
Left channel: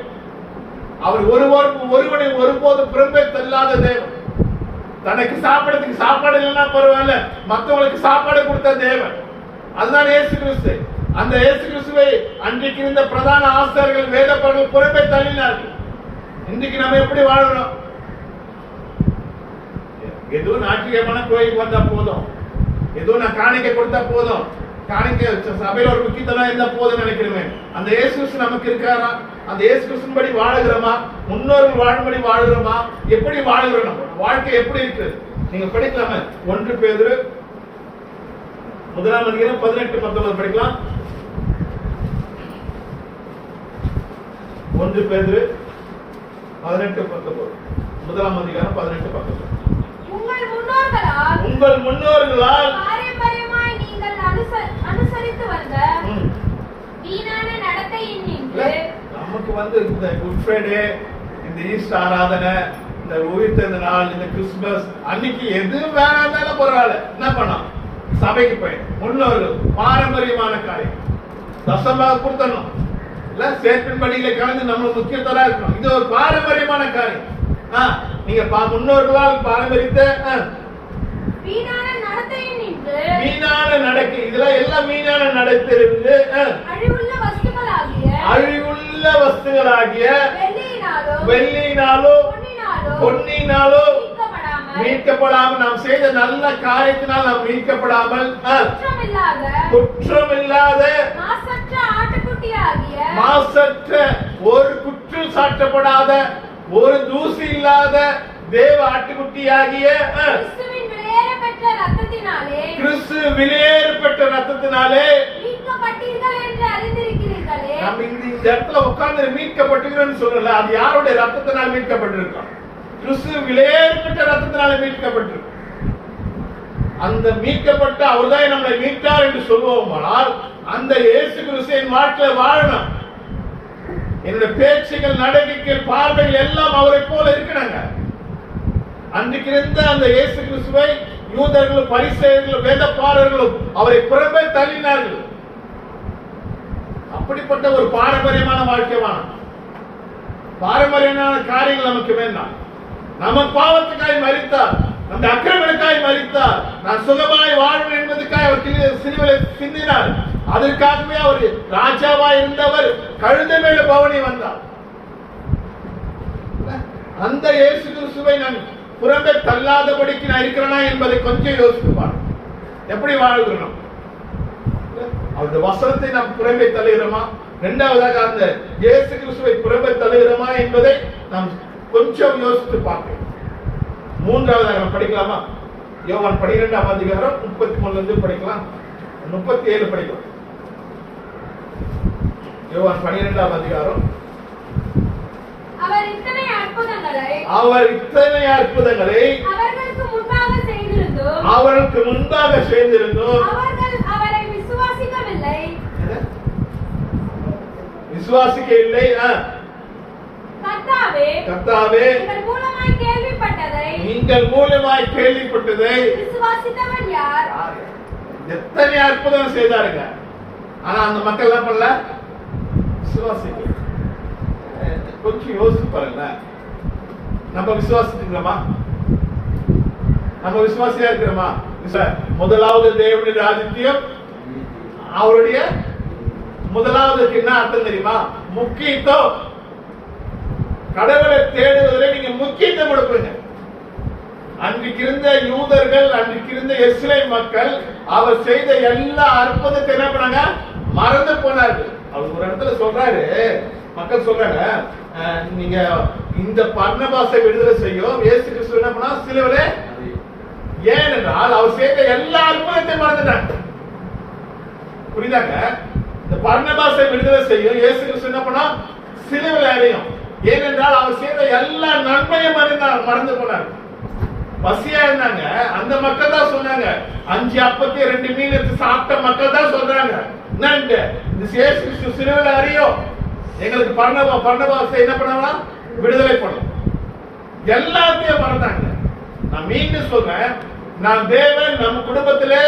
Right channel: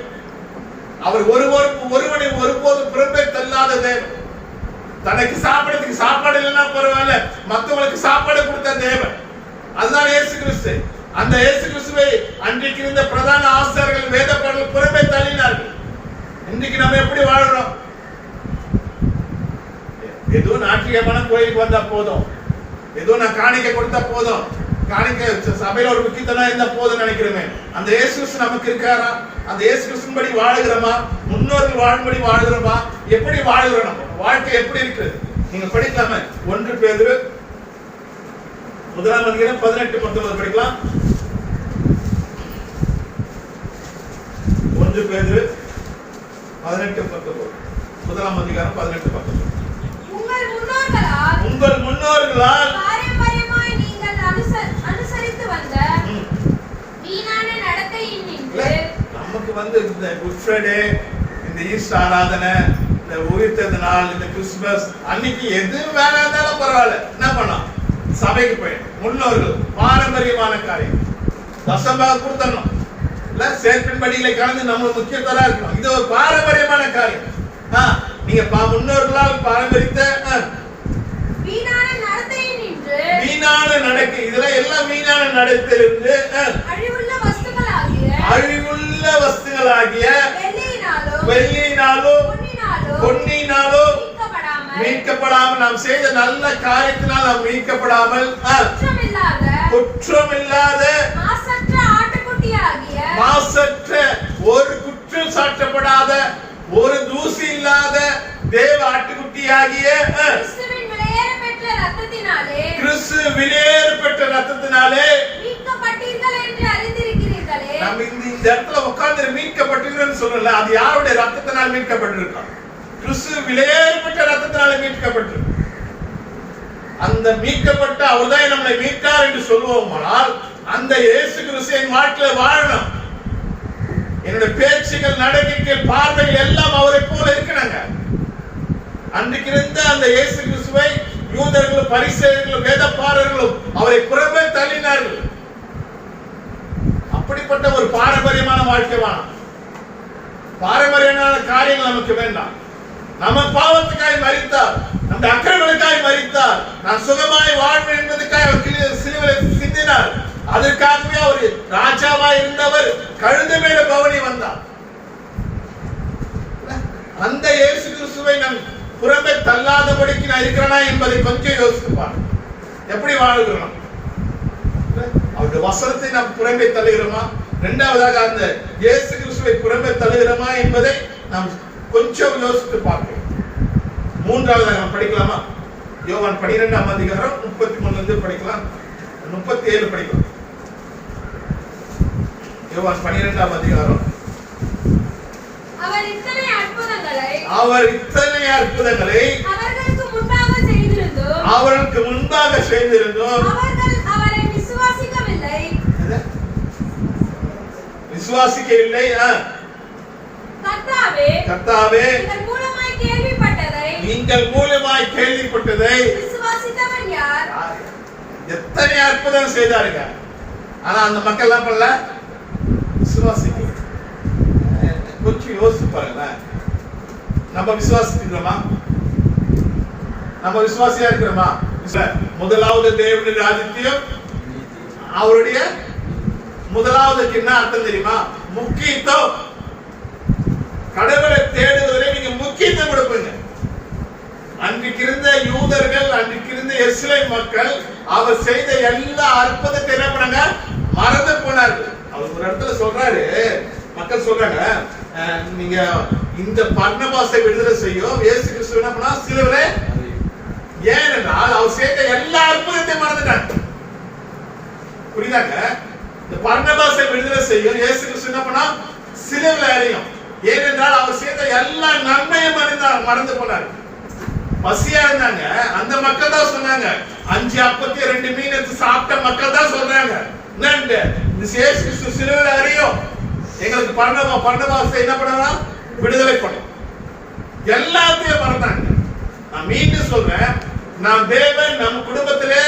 அவர் ஒருவனை ஒருபோதும் புறம்பே தள்ளாத தேவன். தனக்கு சாப்பிடறதுக்கு சாப்பாடு இல்லைன்னா பரவாயில்ல, மற்றவங்களுக்கு சாப்பாடு கொடுத்த தேவன். அதுதான் இயேசு கிறிஸ்து. அந்த இயேசு கிறிஸ்துவை அன்றைக்கு இருந்த பிரதான ஆசாரியர்கள், வேதபாரர்கள் புறம்பே தள்ளினார்கள். இன்னைக்கு நம்ம எப்படி வாழறோம்? ஏதோ நாட்டியமான கோயிலுக்கு வந்தா போதும், ஏதோ நான் காணிக்கை கொடுத்தா போதும், காணிக்கை சபையில ஒரு முக்கியத்தனம் இருந்தா போதும் நினைக்கிறேன். அந்த இயேசு கிறிஸ்து நமக்கு இருக்காரா? அந்த இயேசு கிறிஸ்துபடி வாழுகிறோமா? முன்னோர்கள் வாழும்படி வாழுகிறோமா? எப்படி வாழுகிறோம்? நம்ம வாழ்க்கை எப்படி இருக்கு? நீங்க படிக்கலாமே. 1 பேதுரு 18-19 படிக்கலாம். 1 பேதுரு 18-19 18-19. உங்கள் முன்னோர்களால் பாரம்பரியமாய் நீங்கள் அனுசரித்து வந்த வீணான நடத்தையினின்று நமக்கு இந்த குட் ஃப்ரைடே, இந்த ஈஸ்டர் ஆராதனை, இந்த உயிர்த்தெழுந்த நாள், இந்த கிறிஸ்துமஸ் அன்னைக்கு எது வேணாலும் பரவாயில்ல, என்ன பண்ணோம்? சபைக்கு போய் முன்னோர்கள் பாரம்பரியமான காரியம் தசமாக கொடுத்தணும் இல்ல, சேர்ப்பின் படிகளை கலந்து நம்ம முக்கியத்தரா இருக்கணும். இது ஒரு பாரம்பரியமான காரியம். நீங்க முன்னோர்களால் பாரம்பரியத்தை வீணான நடக்கை, இதெல்லாம் எல்லாம் வீணான நடத்திலிருந்து அழிவுள்ள வஸ்துகளாகிய வெள்ளியினாலோ பொன்னினாலோ மீட்கப்படாமல், நாம் செய்த நல்ல காரியத்தினால் நாம் மீட்கப்படாமல், குற்றமில்லாத மாசற்ற, ஒரு குற்றம் சாட்டப்படாத, ஒரு தூசி இல்லாத தேவ ஆட்டுக்குட்டியாகிய கிறிஸ்து விலையேறப்பெற்ற ரத்தத்தினாலே நம்ம இந்த இடத்துல உட்கார்ந்து மீட்கப்பட்டிருக்கிறோம்னு சொல்லல. அது யாருடைய ரத்தத்தினால் மீட்கப்பட்டிருக்கோம்? கிறிஸ்து விலையேறப்பெற்ற ரத்தத்தினாலே மீட்கப்பட்டிருக்கோம். அந்த மீட்கப்பட்ட அவர்தான் நம்மளை மீட்கார் என்று சொல்லுவோமானால், அந்த இயேசு கிறிஸ்து என் வாழ்க்கையில வாழணும். என்னுடைய பேச்சுகள், நடக்கைகள், பார்வைகள் எல்லாம் அவரை போல இருக்கணுங்க. அன்றைக்கு இருந்த அந்த இயேசு கிறிஸ்துவை யூதர்களும் பரிசேயர்களும் வேதபாரர்களும் அவரை புறம்பே தள்ளினார்கள். அப்படிப்பட்ட ஒரு பாரம்பரியமான வாழ்க்கை வேணும். பாரம்பரியமான காரியங்கள் நமக்கு வேண்டாம். நம்ம பாவத்துக்காய் மரித்தார், நம்முடைய அக்கிரமங்களுக்காய் மரித்தார், நான் சுகமாய் வாழ்வேன் என்பதற்காக அவர் சிலுவையில் சிந்தினார். அதற்காகவே அவர் ராஜாவாய் இருந்தவர் கழுதை மேல பவனி வந்தார். அந்த இயேசு கிறிஸ்துவை நம் புறம்பே தள்ளாதபடிக்கு நான் இருக்கிறேனா என்பதை கொஞ்சம் யோசித்து பாருங்க. எப்படி வாழுகிறோம்? அவருடைய வசனத்தை நாம் புறம்பே தள்ளுகிறோமா? இரண்டாவதாக அந்த இயேசு கிறிஸ்துவை புறம்பே தள்ளுகிறோமா என்பதை நாம் கொஞ்சம் யோசித்து பார்க்க. மூன்றாவதாக நாம் படிக்கலாமா? யோவான் 12ஆம் அதிகாரம் 33 இருந்து படிக்கலாம், 37 படிக்கலாம். யோவான் 12ஆம் அதிகாரம். அவர் இத்தனை அற்புதங்களை அவர்களுக்கு முன்பாக செய்திருந்தோம் அவர்கள் அவரை விசுவாசிக்கவில்லை. கர்த்தாவே, நீங்கள் மூலமாய் கேள்விப்பட்டதை விசுவாசித்தவன் யார்? எத்தனை அற்புதம் செய்தாருங்க, ஆனா அந்த மக்கள் எல்லாம் பண்ணல, விசுவாசிக்கல. கொஞ்சம் யோசிச்சு பாருங்க. நம்ம விசுவாசிக்கிறோமா? நம்ம விசுவாசியா இருக்கிறோமா? முதலாவது தேவனுடைய ராஜ்யத்தையும் அவருடைய முதலாவதுக்கு என்ன அர்த்தம் தெரியுமா? முக்கியத்துவம். கடவுளை தேடுவதில் நீங்க முக்கியத்துவம் கொடுப்பீங்க. அன்றைக்கு இருந்த யூதர்கள், அன்றைக்கு இருந்த இஸ்ரேல் மக்கள் அவர் செய்த எல்லா அற்புதத்தை என்ன பண்ணாங்க? மறந்து போனார்கள். அவர் ஒரு இடத்துல சொல்றாரு, மக்கள் சொல்றாங்க, நீங்க இந்த பர்னபாசை விடுதலை செய்யும் இயேசு கிறிஸ்து என்ன பண்ணா? சிலுவையிலே. ஏனென்றால் அவர் செய்த எல்லா அற்புதத்தையும் மறந்துட்டாங்க. புரியுதாங்க? இந்த பர்னபாசை விடுதலை செய்யும் இயேசு கிறிஸ்து என்ன பண்ணா? சிலுவையிலே அறையும். ஏனென்றால் அவர் செய்த எல்லா நன்மையும் மறந்து போனார். பசியா இருந்தாங்க, அந்த மக்கள் தான் சொன்னாங்க. 5 அப்பத்தை 2 மீன் எடுத்து சாப்பிட்ட மக்கள் தான் சொல்றாங்க, என்னன்னு இந்த இயேசு கிறிஸ்து சிலுவையிலே அறையும், எங்களுக்கு பர்னபாசை என்ன பண்ணலாம்? விடுதலை பண்ணும். எல்லாத்தையும் மறந்தாங்க. நான் மீண்டும் சொல்றேன், நான் தேவன் நம்ம குடும்பத்திலே,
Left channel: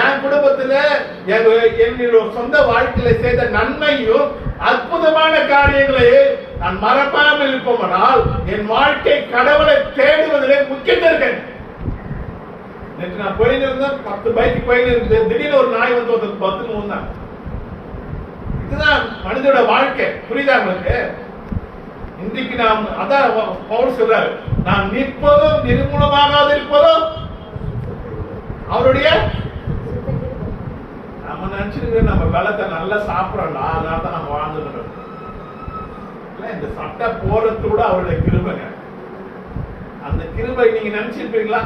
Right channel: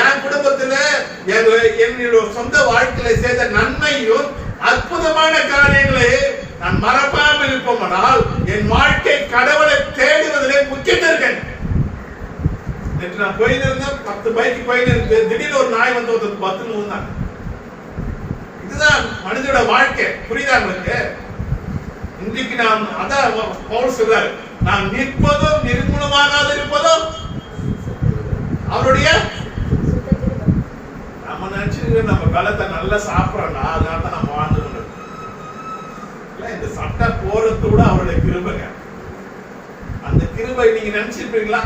என் குடும்பத்திலே, என்னுடைய சொந்த வாழ்க்கையில செய்த நன்மையும் அற்புதமான காரியங்களை நான் மறப்பாமல் இருப்போமானால் என் வாழ்க்கை கடவுளை தேடுவதிலே முக்கியத்துவம் இருக்கேன். நேற்று நான் போயிருந்தேன், 10 பைக்கு போயிருந்தேன், திடீர்னு ஒரு நாய் வந்து 10 மூந்தாங்க. இதுதான் மனிதனோட வாழ்க்கை. புரியுதா உங்களுக்கு? இன்றைக்கு நாம் அதான் பவுல் சொல்றாரு, நான் நிற்பதும் நிர்மூலமாகாது இருப்பதும் அவருடைய. நம்ம நினைச்சிருக்க நம்ம பலத்தை நல்லா சாப்பிடறோம்னா அதனால தான் நம்ம வாழ்ந்துருக்கோம். இந்த சட்டை போறது கூட அவருடைய கிருபைங்க. அந்த கிருபை நீங்க நினைச்சிருப்பீங்களா?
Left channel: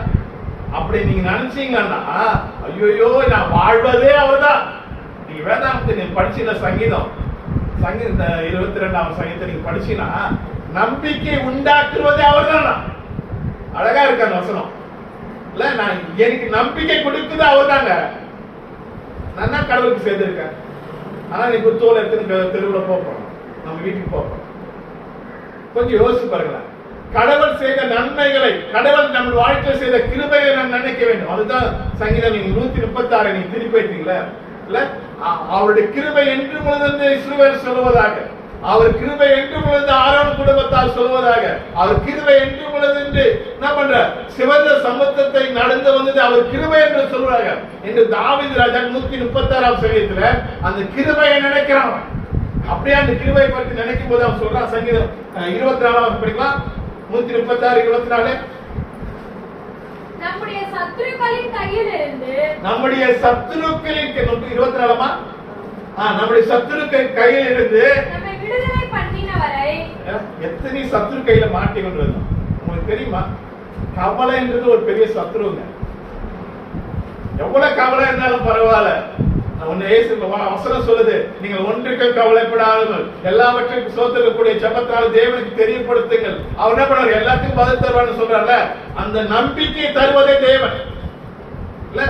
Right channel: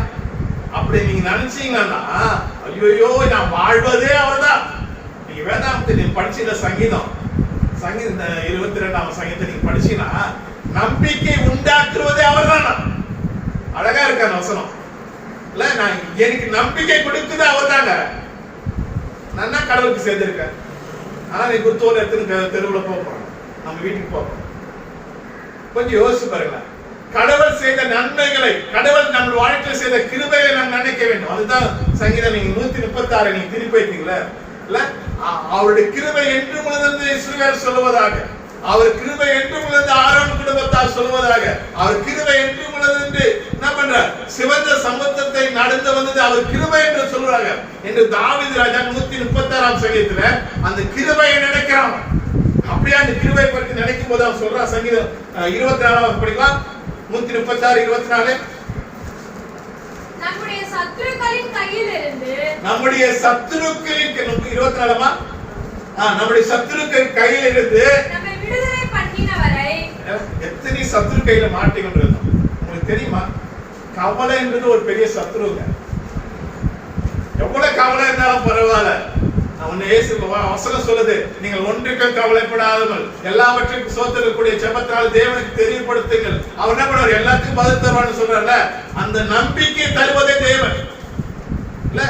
அப்படி நீங்க நினைச்சீங்கன்னா ஐயோ நான் வாழ்வதே அவர்தான். நீங்க வேதாந்தத்தை நீங்க படிச்சீங்க, சங்கீதம் 22ஆம் சங்கீதத்தை நீங்க படிச்சீங்கன்னா நம்பிக்கை உண்டாக்குவதே அவர்தான். அழகா இருக்க அந்த வசனம் இல்ல? நான் எனக்கு நம்பிக்கை கொடுக்குது அவர்தாங்க. நான் கடவுளுக்கு சேர்ந்திருக்கேன். ஆனா நீங்க தோல் எடுத்து தெருவுல போறோம், நம்ம வீட்டுக்கு போறோம். கொஞ்சம் யோசிச்சு பாருங்களேன். கடவுள் செய்த நன்மைகளை, கடவுள் நம்ம வாழ்க்கையில் செய்த கிருபைகளை நாம் நினைக்க வேண்டும். அதுதான் சங்கீதம் நீங்க 136 நீங்க திருப்பி வைத்தீங்களா இல்ல? அவருடைய கிருபை என்று முதலிருந்து இஸ்ரவேல் சொல்லுவதாக, அவர் கிருபை என்று முதலிருந்து ஆரோன் குடும்பத்தால் சொல்லுவதாக, அவர் கிருபை என்று முதலிருந்து என்ன பண்ற? சிவந்த சமுத்திரத்தை நடந்து வந்தது அவர் கிருபை என்று சொல்றாங்க என்று தாவீது ராஜா 136ஆம் சங்கீதத்துல அந்த கிருபையை நினைக்கிறான். அப்படியே அந்த கிருபையை பற்றி நினைக்கும் போது அவன் சொல்றான். சங்கீதம் 24ஆம் படிக்கலாம், 136 24. நம்முடைய சத்துருக்களின் கையிலிருந்து 24ஆமா? நம்முடைய சத்துருக்கள் கையிலிருந்து நம்மை விடுதலை பண்ணினவரை. எத்தனை சத்துரு கையில மாட்டிக்கொண்டிருந்தோம் உங்களுக்கு தெரியுமா? கவலைன்றது ஒரு பெரிய சத்துருங்க. எவ்வளவு கவலை இருந்தாலும் பரவாயில்ல, வசனம் சொல்லுது, நீங்கள் ஒன்றுக்கும் கவலைப்படாதவர்கள் எல்லாவற்றுக்கும் சோத்திரக்கூடிய ஜெபத்தால் தேவனுக்கு தெரியப்படுத்துங்கள், அவர் என்ன பண்ணுவார்? எல்லாத்துக்கும் பதில் தருவார்னு சொல்றாருல. அந்த நம்பிக்கை தருவதே தேவன் இல்ல?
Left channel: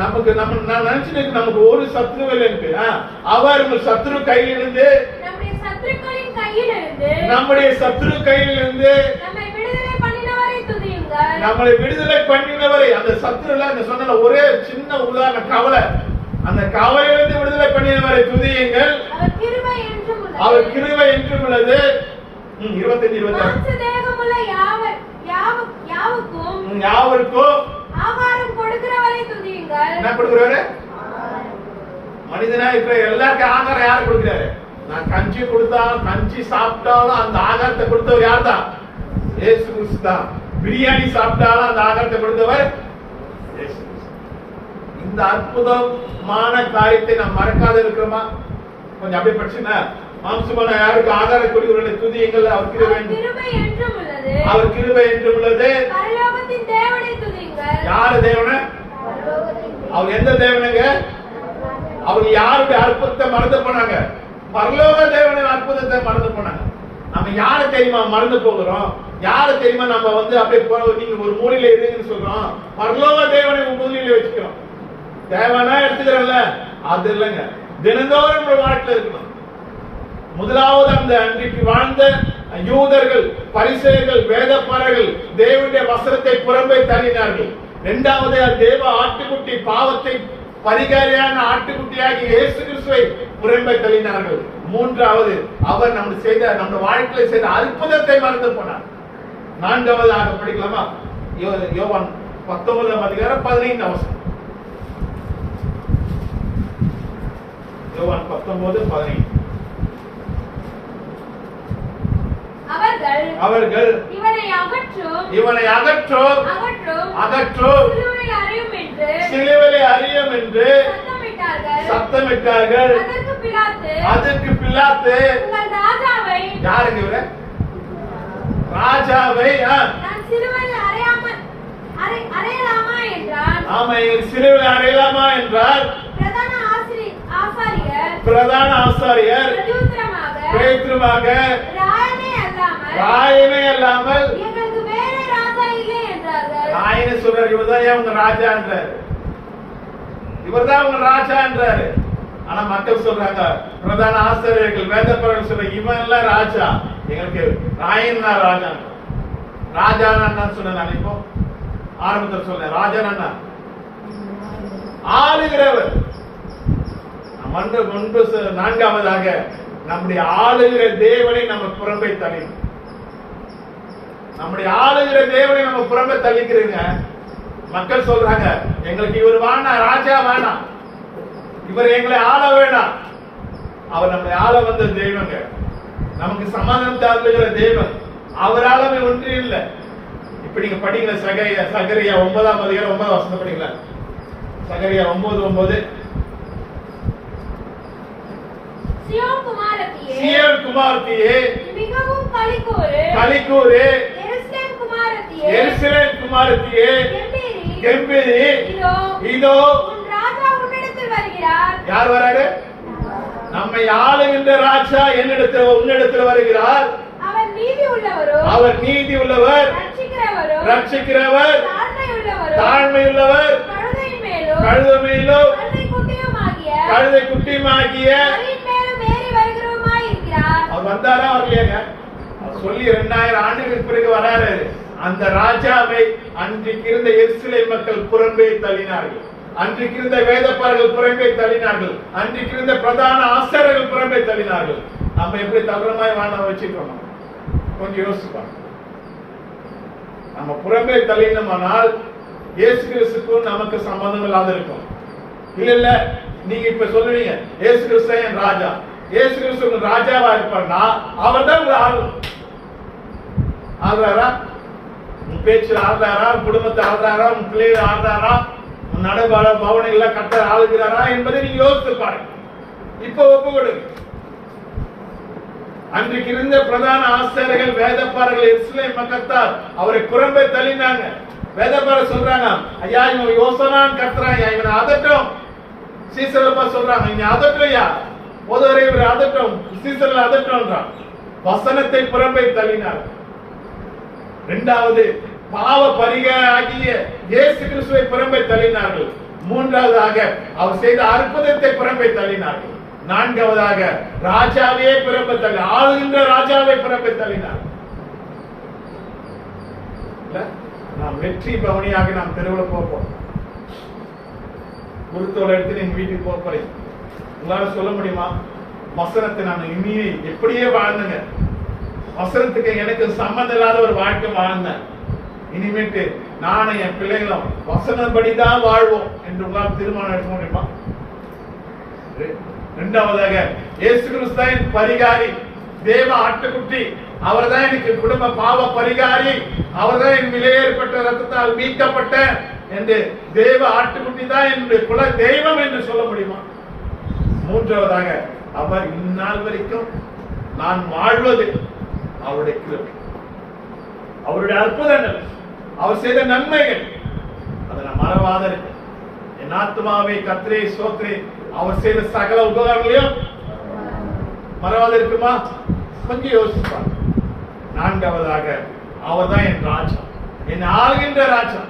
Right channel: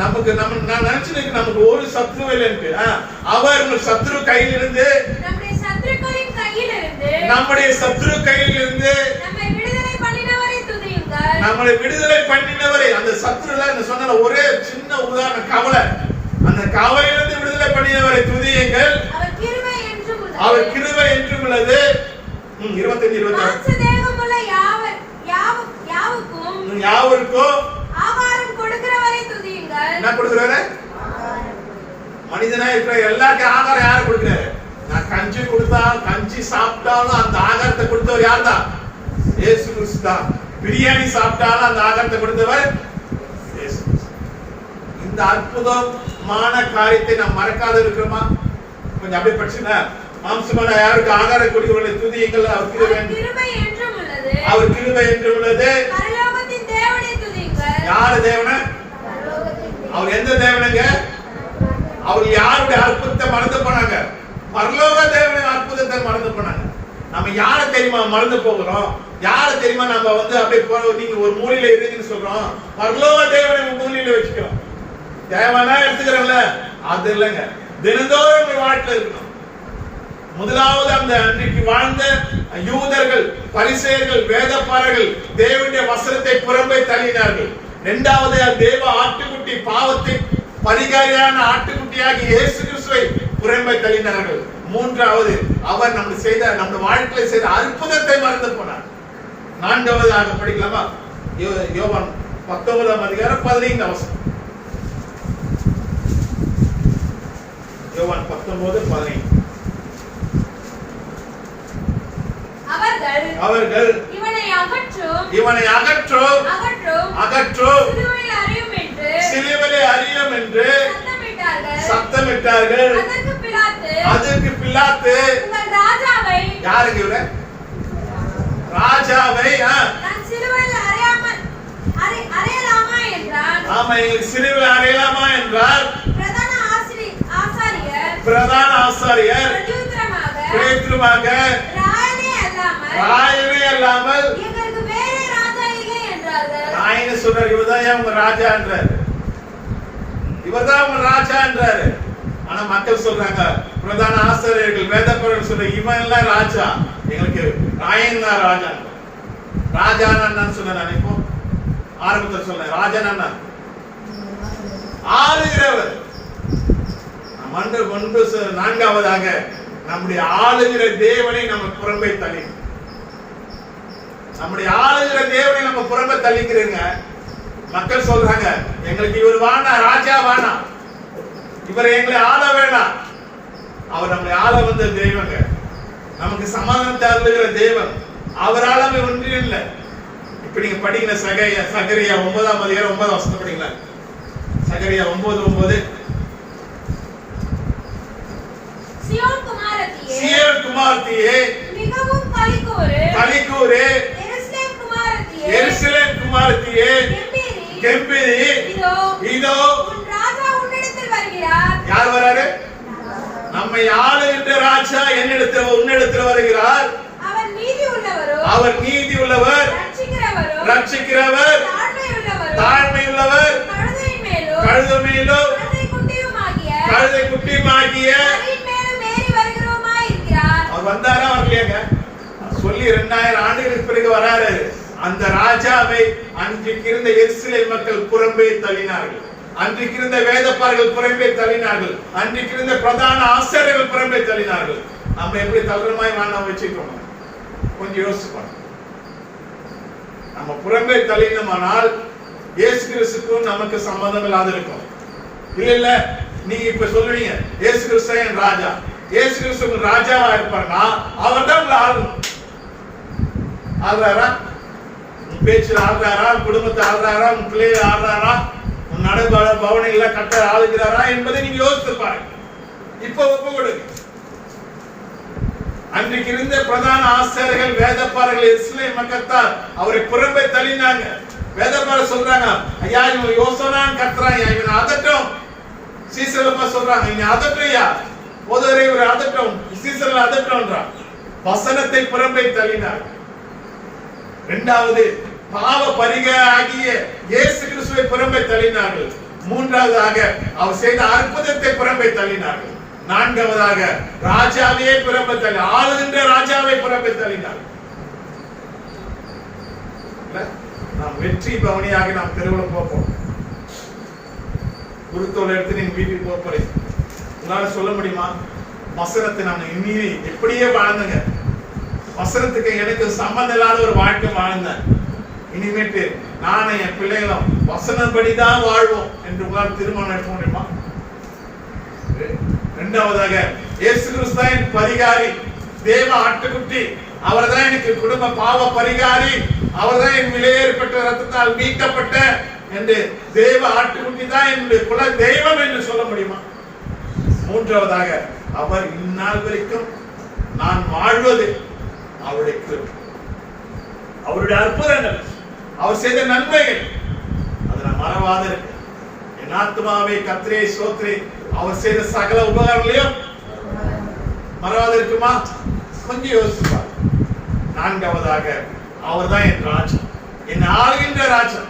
நமக்கு நான் நினைச்சிட்டு நமக்கு ஒரு சத்ரு இல்லைன்னு, அவர் சத்ரு கையிலிருந்து, நம்முடைய சத்ரு கையிலிருந்து நம்மளை விடுதலை பண்ணினவரை. அந்த சத்ருல சொன்ன ஒரே சின்ன உதாரணம் கவலை. அந்த கவலையிலிருந்து விடுதலை பண்ணினவரை துதியுங்கள், அவர் கிருபை என்றும் உள்ளது. 25 யாவருக்கும் ஆகாரம் கொடுக்கிறவரை துதியுங்கள். என்ன கொடுக்கிறாரு? மனிதனா இருக்கிற எல்லாருக்கும் ஆகாரம் யாரு கொடுக்கிறாரு? நான் கஞ்சி கொடுத்தாலும், கஞ்சி சாப்பிட்டாலும் அந்த ஆகாரத்தை கொடுத்தவர் யார் தான்? இயேசு கிறிஸ்து தான். பிரியாணி சாப்பிட்டாலும் அந்த ஆகாரத்தை கொடுத்தவர் இயேசு. இந்த அற்புதமான காரியத்தை நாம் மறக்காத இருக்கிறோமா? கொஞ்சம் அப்படியே படிச்சுனா மாம்சமான யாருக்கு ஆகார கொடிகளை துதியுங்கள், அவர் கிருபை என்றும் உள்ளது. அவர் கிருபை என்றும் உள்ளது. பரலோகத்தின் தேவனை துதியுங்கள். யார் தேவன? அவர் எந்த தேவனுங்க? அவர் யாருடைய அற்புதத்தை மறந்து போனாங்க? பரலோக தேவனின் அற்புதத்தை மறந்து போனாங்க. நம்ம யாரை தெரியுமா மறந்து போகிறோம்? யாரை தெரியுமா நம்ம வந்து அப்படியே போற நீங்க ஒரு மூலையில இருங்கன்னு சொல்றோம். பரலோக தேவனை மூலையில வச்சுக்கிறோம். தேவனா எடுத்துக்கிறோம்ல, அது இல்லைங்க. தினந்தோறும் உங்க வாழ்க்கையில இருக்கணும். முதலாவது அந்த அன்றைக்கு வாழ்ந்த யூதர்கள், பரிசேயர்கள், வேதப்பாரர்கள் தேவனுடைய வசனத்தை புறம்பே தள்ளினார்கள். இரண்டாவது தேவ ஆட்டுக்குட்டி, பாவத்தை பரிகாரியான ஆட்டுக்குட்டியாகி இயேசு கிறிஸ்துவை புறம்பே தள்ளினார்கள். மூன்றாவது அவர் நம்ம வாழ்க்கையில செய்த அற்புதத்தை மறந்து போனார். நான்காவதாக படிக்கலாமா? யோவான் 19ஆம் அதிகாரம் 15ஆம் வசனம். யோவான் 19:15. அவர்கள் இவனை அகற்றும் சிலுவையில் அறையும் என்று சத்தமிட்டார்கள். அதற்கு பிலாத்து யாருங்க இவரு? ராஜாவை சிலுவையில் அறையலாமா என்றார். பிரதான ஆசாரியர் பேதுருவாக ராயனே அல்லாமல் ராயனே சொல்றாரு, இவர்தான் உங்க ராஜா என்றாரு. இவர்தான் உங்க ராஜா என்றாரு. ஆனா மக்கள் சொல்றாங்க, பிரதான ஆசிரியர்கள், வேதப்பாரர்கள் சொல்ற இவன் எல்லாம் ராஜா, எங்களுக்கு ராயன் தான் ராஜா. ராஜான் அண்ணன் சொன்ன நினைப்போம். ஆரம்பத்தில் சொன்ன ராஜன் அண்ணா ஆளுகிறவர். நான்காவதாக நம்முடைய ஆளுகிற தேவனை நம்ம புறம்பே தள்ளி, நம்முடைய ஆளுகிற தேவனை நம்ம புறம்பே தள்ளிக்கிறீங்க. மக்கள் சொல்றாங்க, எங்களுக்கு இவர் வேணாம், ராஜா வேணாம், இவர் எங்களை ஆள வேணாம். அவர் நம்மளை ஆள வந்த தெய்வங்க, நமக்கு சமாதானத்தை அருளுகிற தெய்வம். அவரால் ஒன்று இல்லை. இப்ப நீங்க படிக்கிற சகரியா 9ஆம் அதிகாரம் 9ஆம் வசனம் படிக்கல. சகரியா 9:9. சீயோன் குமாரத்தியே மிகவும் களிக்கூறு, எருசலேம் குமாரத்தியே கெம்பீரி, இதோ உன் ராஜா உன்னிடத்தில் வருகிறார். யார் வராரு? நம்மை ஆளுகின்ற ராஜா உன்னிடத்தில் வருகிறார். அவர் நீதி உள்ளவர், ரட்சிக்கிறவர், தாழ்மை உள்ளவர், கழுதை மேலும் கழுதை குட்டியுமாகிய அவர் வந்தாரா வரலையாங்க? சொல்லி 2000 ஆண்டுகளுக்கு பிறகு வராரு. அந்த ராஜாவை அன்றைக்கு இருந்த எருசலேம் மக்கள் புறம்பே தள்ளினார்கள். அன்றைக்கு இருந்த வேதப்பாரர்கள் புறம்பே தள்ளினார்கள். அன்றைக்கு இருந்த பிரதான ஆசாரியர்கள் புறம்பே தள்ளினார்கள். நம்ம எப்படி தள்ளுறமாய் வாழ வச்சுக்கிறோம்? கொஞ்சம் யோசிப்பாங்க. நம்ம புறம்பே தள்ளினோமானால் இயேசு கிறிஸ்துக்கும் நமக்கு சம்பந்தம் இல்லாத இருக்கும். இல்ல நீங்க இப்ப சொல்லுவீங்க, இயேசு கிறிஸ்து என் ராஜா, இயேசு கிறிஸ்து ராஜாவா இருப்பார்னா அவர் தான் ஆள்றாரா? உன் பேச்சில் ஆள்றாரா? உன் குடும்பத்தை ஆள்றாரா? உன் பிள்ளைகளை ஆள்றாரா? உன் பவனைகளை கட்ட ஆளுகிறாரா என்பதை நீங்க யோசித்து பாருங்க. இப்ப ஒப்பு கொடுங்க. அன்றைக்கு இருந்த பிரதான ஆசாரியர்கள், வேதப்பாரர்கள், இஸ்ரவேல் மக்கத்தார் அவரை புறம்பே தள்ளினாங்க. வேதப்பாரர் சொல்றாங்க, ஐயா இவன் யோசனான் கத்துறான், இவனை அதட்டும். சீசரப்பா சொல்றாங்க, இவனை அதட்டையா, போதவரை இவரை அதட்டும், சீசரில் அதட்டும்ன்றான். வசனத்தை புறம்பே தள்ளினார். இரண்டாவது பாவ பரிகாரியாகிய இயேசு கிறிஸ்துவை புறம்பே தள்ளினார்கள். மூன்றாவதாக அவர் செய்த அற்புதத்தை புறம்பே தள்ளினார்கள். நான்காவதாக ராஜாவே புறம்பே தள்ளி, ஆளுகின்ற ராஜாவை புறம்பே தள்ளினார். நாம் வெற்றி பவனியாக நாம் தெருவில் போப்போம். குருத்தோலை எடுத்து நீங்க வீட்டுக்கு போறேன். உங்களால சொல்ல முடியுமா? வசனத்தை நான் இனி எப்படியே வாழ்ந்தங்க, வசனத்துக்கு எனக்கு சம்பந்தம் இல்லாத ஒரு வாழ்க்கை வாழ்ந்தேன். இனிமேட்டு நானும் என் பிள்ளைகளும் வசனப்படிதான் வாழ்வோம் என்று உங்களால் தீர்மானம் எடுக்க முடியுமா? இரண்டாவதாக இயேசு கிறிஸ்து பரிகாரி, தேவ ஆட்டுக்குட்டி, அவர்தான் எனக்கு குடும்ப பாவ பரிகாரி, அவர்தான் என் விலையேற்பட்ட ரத்தத்தால் மீட்கப்பட்ட என்று தேவ ஆட்டுக்குட்டி தான் என்னுடைய குல தெய்வம் என்று சொல்ல முடியுமா? மூன்றாவதாக அவர் இந்நாள் வரைக்கும் நான் வாழ்வது அவருடைய கிருபை, அவருடைய அற்புதங்கள், அவர் செய்த நன்மைகள், அதை நான் மறவாத இருக்கு. என் ஆத்மாவை கர்த்தரை ஸ்தோத்திரி, அவர் செய்த சகல உபகாரங்களையும் மறவாத இருக்குமா? கொஞ்சம் யோசிப்பார். நான்காவதாக அவர் தான் என் ராஜா, என் ஆளுகின்ற ராஜா.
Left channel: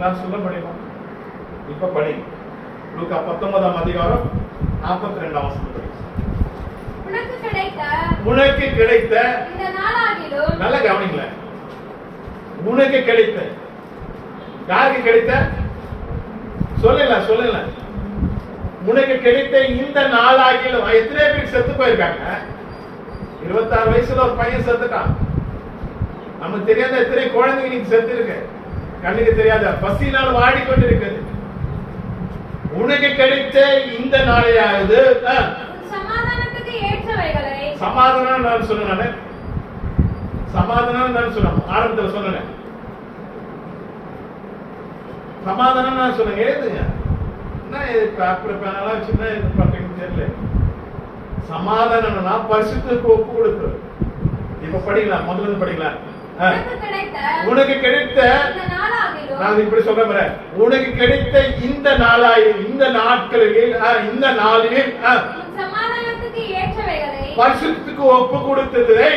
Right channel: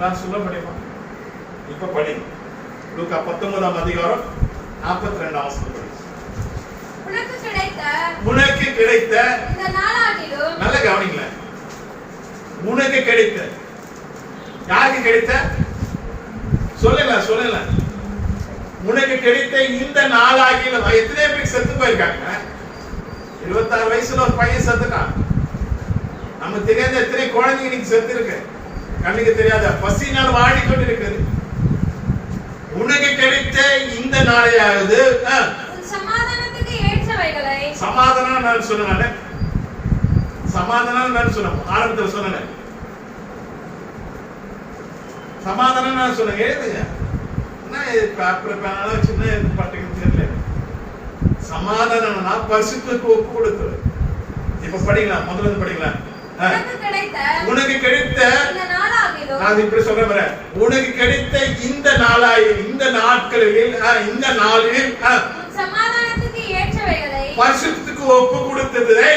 நான் சொல்ல முடியுமா? இப்ப படிங்க லூக்கா 19ஆம் அதிகாரம் 42ஆம் வசனம். உனக்கு கிடைத்த இந்த நாளாகிலும், நல்ல கவனிங்கள, உனக்கு கிடைத்த, யாருக்கு கிடைத்த? சொல்லல உனக்கு கிடைத்த இந்த நாளாகிலும். எத்தனை பேருக்கு செத்து போயிருக்காங்க? 26 வயசுல ஒரு பையன் செத்துட்டான். நமக்கு தெரியாத எத்தனை குழந்தைங்க இன்னைக்கு செத்து இருக்கு, கண்ணுக்கு தெரியாத பசினால் வாடிக்கொண்டு இருக்குது. உனக்கு கிடைத்த இந்த நாளையாவது சமாதானத்துக்கு ஏற்றவைகளை, சமாதானம் நான் சொன்னேன், சமாதானம் நான் சொன்னேன், ஆரம்பத்தில் சொன்னேன், சமாதானம் நான் சொன்னேன். எழுதுங்க, என்ன சின்ன இது பண்றீங்கன்னு தெரியல. சமாதானம்னா பரிசுத்தத்துக்கு ஒப்பு கொடுத்து. இப்ப படிக்கலாம், முதல்ல படிக்கலாம். உனக்கு கிடைத்த, நான் இப்படி சொல்றேன் பாரு, உனக்கு கிடைத்த இந்த நாளாயில், இந்த நாட்களில், இந்த நாளில் சமாதானத்துக்கு ஏற்றவைகளை பரிசுத்தத்துக்கு ஒப்பு கொடுத்ததை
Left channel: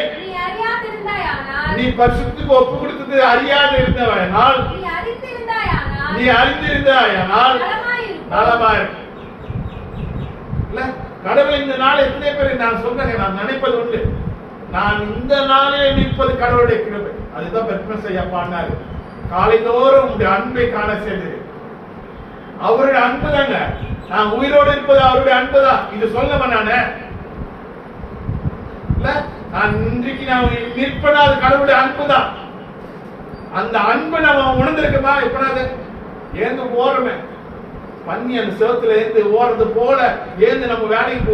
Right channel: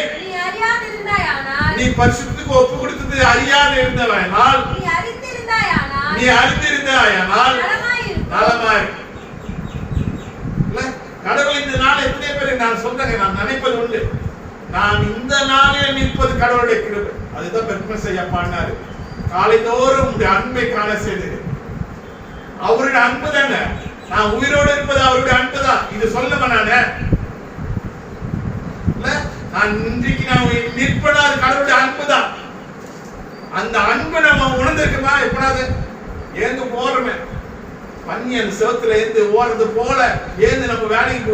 நீ பரிசுத்தத்துக்கு ஒப்பு கொடுத்தது அறியாது இருந்தவனால், நீ அறிந்திருந்தாயானால் நலமாய். இல்ல கடவுள் இந்த நாள் எத்தனை பேர் நான் சொல்றேன், நான் நினைப்பது உண்டு. நான் இந்த நாளில் நிற்பது கடவுளுடைய கிருபை. அதுதான் பெருமை செய்ய பாடினாரு. காலைதோறும் உங்களுடைய அன்பை காண செய்தது அவருடைய அன்பு தாங்க. நான் உயிரோடு இருப்பது அவருடைய அன்பு தான். இது சொல்லவா நானு? நான் இன்றைக்கு நான் நிற்பனா அது கடவுளுடைய அன்பு தான். அந்த அன்பு நம்ம உணர்ந்திருக்குமா? எப்படாது ஏந்து போறமே பண்ணி அந்த சிவத்துல ஏந்து ஓடுறது போல ஏந்து நம்ம வேலைக்கு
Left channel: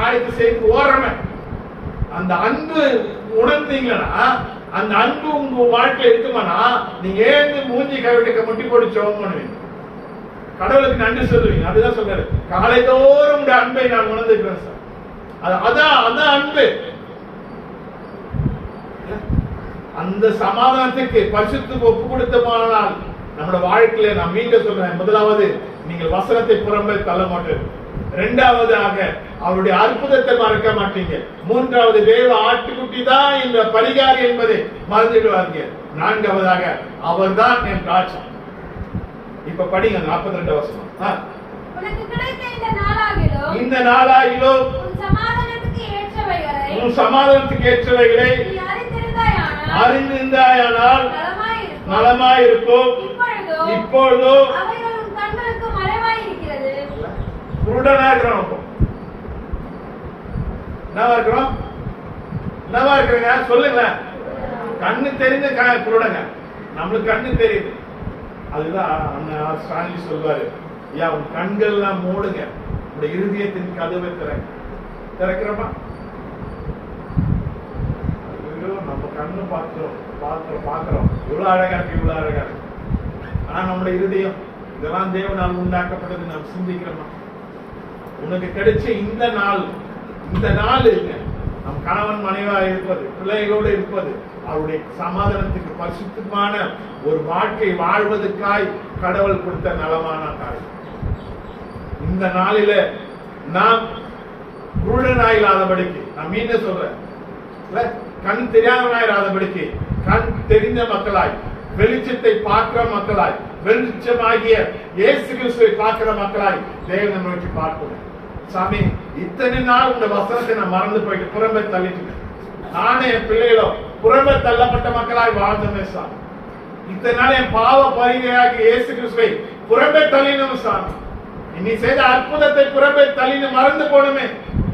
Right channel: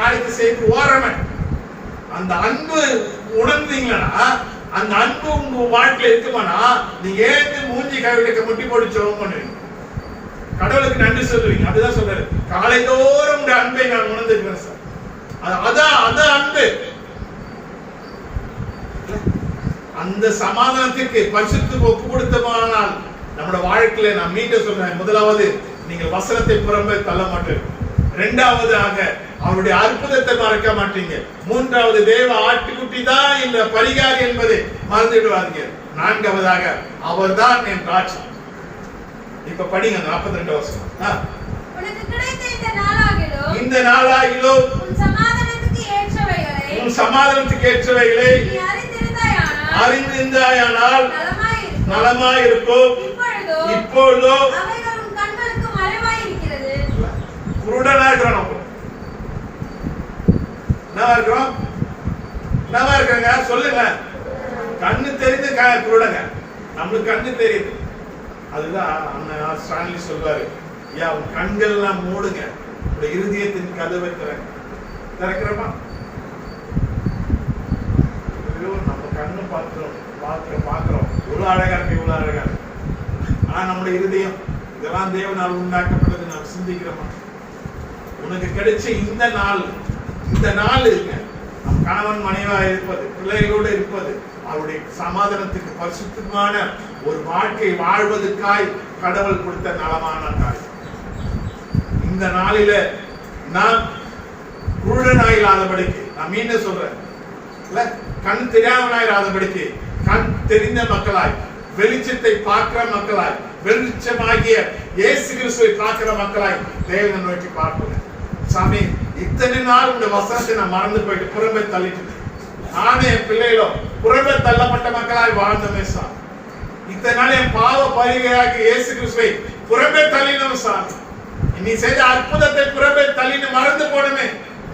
காரியத்தை செய்து ஓடுறமே. அந்த அன்பு உணர்ந்தீங்களா? அந்த அன்பு உங்க வாழ்க்கையில இருக்குமானா நீங்க ஏந்து மூஞ்சி கைவிட்ட முட்டி போட்டு ஜெபம் பண்ணுவீங்க, கடவுளுக்கு நன்றி சொல்லுவீங்க. அதுதான் சொல்றாரு, காலைதோறும் உடைய அன்பை நான் உணர்ந்துக்கிறேன் சார். அதான் அன்பு. அந்த சமாதானத்துக்கு பரிசுத்தத்துக்கு ஒப்பு கொடுத்தமானால் நம்முடைய வாழ்க்கையில நான் மீண்டும் சொல்றேன், முதலாவது நீங்கள் வசனத்தை புறம்பே தள்ள மாட்டீர்கள். இரண்டாவதாக அவருடைய அற்புதத்தை மறக்க மாட்டீங்க. மூன்றாவது தேவ ஆட்டுக்குட்டி தான் இந்த பரிகாரி என்பதை மறந்துடுவாங்க. நான்காவதாக அவர்தான் என் ராஜா. இப்ப படிங்க 42 வசனம். உனக்கு கிடைத்த இந்த நாளாகிலும், இந்த நாளாகிலும் உன் சமாதானத்துக்கு ஏற்றவைகளை, உன் சமாதானத்துக்கு ஏற்றவைகளை நீ அறிந்திருந்தாயானால் நலமாயிருக்கும். இப்பொழுதோ அவைகள் உன் கண்களுக்கு மறைவாய் இருக்கிறது. குருடனா இருக்கிறோம். என்னவா இருக்கிறாங்க சொல்லுங்க. கண்ணு தெரிந்து குருடங்க, நம்மளுக்கு கண்ணு தெரியுது. அதுதான் அண்ணன் ஸ்டான்லி சொல்வாரு, ஐயா உன் கண்கள் எல்லாம் மூடுங்க, உடைய இருதயத்தின் கதவை திறக்கிறோமா? நம்ம கண்ணு பாக்குறோம் இவ்வளவு அழகா இருக்கு, இவ்வளவு அழகா இருக்கு. நான் நம்முடைய இருதயம் இதெல்லாம் தேவனால் உண்டாக்கப்பட்டது நாம் சிந்திக்கிறோமா? உனக்கு கிடைச்ச இந்த நாள் இருங்க, நம் கணவன் மனைவா இருப்பது, பிள்ளைகளோடு இருப்பது, அவருடைய சமாதானத்துக்கு பரிசுத்தமான ஒரு வாழ்க்கை வாழ்வதற்காய் கடவுள் கொடுத்த நலமான நாள். இந்த நாளில நாம் குருடனாயில்லாதபடிக்கு, நான் மீண்டும் சொல்றேன், கண் தெரியாதவனாயிராதபடிக்கு கண் தெரிந்த மக்களாய், வெளிச்சத்தை பார்க்கிற மக்களாய், வெளிச்சமாகிய இயேசு கிறிஸ்துவை பார்க்கிற மக்களாய் தேவனை நோக்கி பார்ப்போம். சாமி இத்தனை நாள் உங்க வசனத்தை நான் மறந்து போயிட்டு புறம்பே தள்ளிட்டு, நானே என் பிள்ளைகளோ புறம்பே தள்ளப்பட்ட மக்களாய் வாழ்ந்தமே சாமி. இத்தனை நாள் என் பாவ பரிகையாகி இயேசு கிறிஸ்துவை புறம்பே தள்ளினோம் சாமி. நீ செய்த அற்புதத்தை புறம்பே தள்ளின மறந்து போனமே,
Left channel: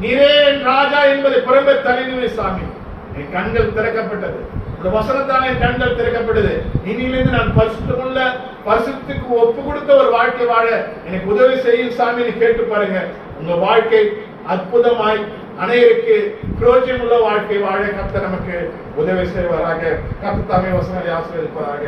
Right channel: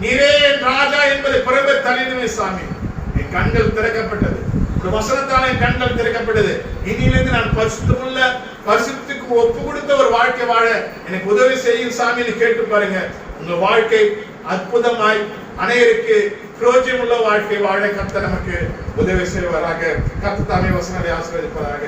நீரே என் ராஜா என்பதை புறம்பே தள்ளினமே சாமி. என் கண்கள் திறக்கப்பட்டது, வசனத்தால் என் கண்கள் திறக்கப்பட்டது. இனியிலிருந்து நான் பரிசுத்தமுள்ள, பரிசுத்துக்கு ஒப்பு கொடுத்த ஒரு வாழ்க்கை வாழ எனக்கு உதவி செய்யும் சாமின்னு கேட்டு பாருங்க. உங்க வாழ்க்கை அற்புதமாய் அனைவருக்கு பிரயோஜனமுள்ள வாழ்க்கை வாழ கர்த்தர் நமக்கு உதவி செய்வாராக. கர்த்தர் தாமே வசனத்தை ஆசீர்வதிப்பாராக.